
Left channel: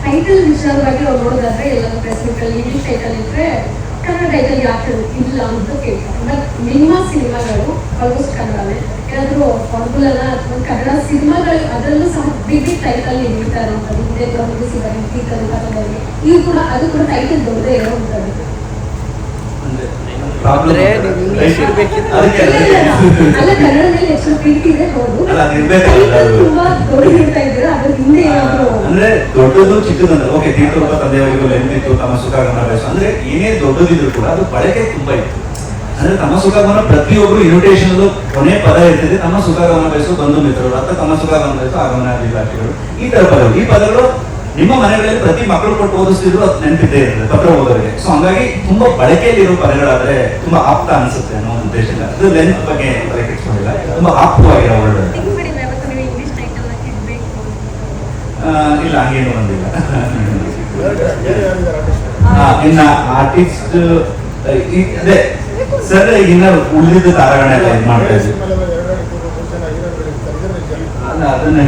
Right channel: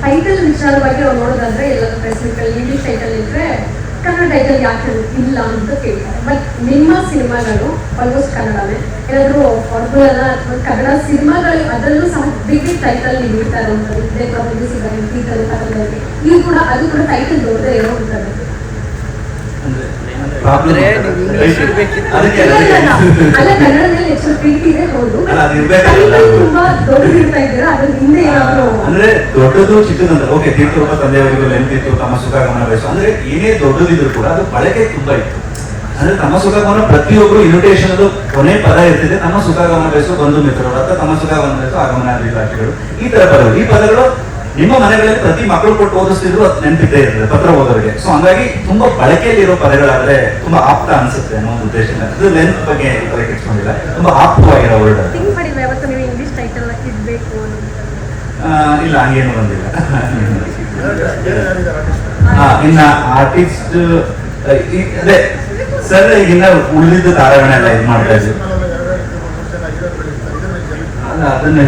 ಟೈಟಲ್ ವಿಚಾರವಾಗಿ ನಾವು ನೋಡೋದಾದ್ರೆ ಎಲ್ಲ ಪ್ರೆಸ್ ಮೀಟಲ್ಲಿ ಇಂಗ್ಲಿಷ್ ಟೈಟಲ್ ಇದ್ರೆ ಕನ್ನಡ ಟೈಟಲ್ ಯಾಕೆ ಇಲ್ಲ ಅಂತ ಕೇಳ್ತಾರೆ. ಬಟ್ ನಿಮ್ಮ ಸಿನಿಮಾಗಳು ಆಲ್ಮೋಸ್ಟ್ ಕನ್ನಡನೇ. ಏನಾದರೂ ಫಾರ್ಮುಲಾ ಅಥವಾ ಕನ್ನಡ ಸಿನಿಮಾಗಳು ಅದರಲ್ಲೂ ಸಹ ಬಿಗ್ ಟೈಟಲ್ ನೀಡ್ತಾರೆ ಅಂತ ಇದೇ ಕನ್ನಡದಲ್ಲಿ ಇದು ಕೂಡ ಅದು ಕೂಡ ಟೈಟಲ್ ದೊಡ್ಡದೇ ಏನೋ ಅಂತಾರೆ. ಅಲ್ಲ ಕನ್ನಡದಲ್ಲಿ ಹೆಚ್ಚು ಪ್ರೀತಿ ಇದೆ, ಹೌದು. ತುಂಬಾ ದೊಡ್ಡದಿರ್ತಾ ಇದ್ದೀರಾ, ಅದ್ರ ಹಿಂದೆ ಏನಾದ್ರು ಅಂದ್ರೆ ದೊಡ್ಡದು ಚಿಕ್ಕದಂದ್ರೆ ಓಕೆ, ತೀರ್ಥರೂಪ ತಂದೆಯವರಿಗೂ ಲೆಂತ್ ಇತ್ತು, ತಮ್ಮ ಸುಖಾಗಮನ ವಯಸ್ಸು ಅಂದ್ರೆ ಏನೇ ದೊಡ್ಡದಿದ್ರು ಕೂಡ ಅದು ಬಳಕೆ ತುಂಬಾ ಇತ್ತು. ಅಂದ್ರೆ ತಮ್ಮ ಸುಖಾಗಮನ ಪ್ರತಿಯೊಬ್ರು ಇನ್ವಿಟೇಷನ್ ಕೊನೆ ಪದ ಇರ್ತದೆ, ತಮ್ಮ ಸುಖಾಗಮನ ವಯಸ್ಸು ಬಂಧು ಮಿತ್ರರು ಅಥವಾ ತಮ್ಮ ಸುಖಾಗಮನ ವಯಸ್ಸು ಆಗಮನ ಇಲಾಖೆಗಳು, ಈ ತರ ಪದಗಳು. ಈ ಪದಗಳು ನಿಮ್ಮ ಮನೆಗಳಲ್ಲಿ ಪ್ರತಿ ಮಕ್ಕಳು ಕೊಟ್ಟು ಓದಿಸ್ತಿದ್ರು, ಅದು ನೆನಪಿದ್ದೇ ಇರ್ತದೆ ಪತ್ರ ಓದೋರಿಗೆ. ಸೊ ಹಂಗಾಗಿ ತುಂಬಾ ಬಳಕೆಯಲ್ಲಿರೋ ಪದಗಳಾದ್ರೆ ತುಂಬಾ ಆಪ್ತ ಅನ್ಸುತ್ತೆ ಅನ್ನೋ ಉದ್ದೇಶ. ಅದು ಲೆಂತ್ ಬಗ್ಗೆ ತಲೆ ಕೆಡಿಸ್ಕೊಂಡಿಲ್ಲ, ತುಂಬಾ ಆಪ್ತವಾಗಿರೋ ವರ್ಡ್. ಇಂಗ್ಲಿಷ್ ಟೈಟಲ್ ಇಡಬೇಕು ಇಲ್ಲ, ಹಂಗೇನು ಬಂದಿಲ್ಲ. ಇನ್ನ ಆರ್ಟಿಸ್ಟ್ ಅದೇ ಸರ್ ಈಗಿನ ಉಳಿದ ತಾರಾಗಣೆಲ್ಲ ಇದು ಮಾಡ್ತಾ ಇದ್ರು, ಅದನ್ನ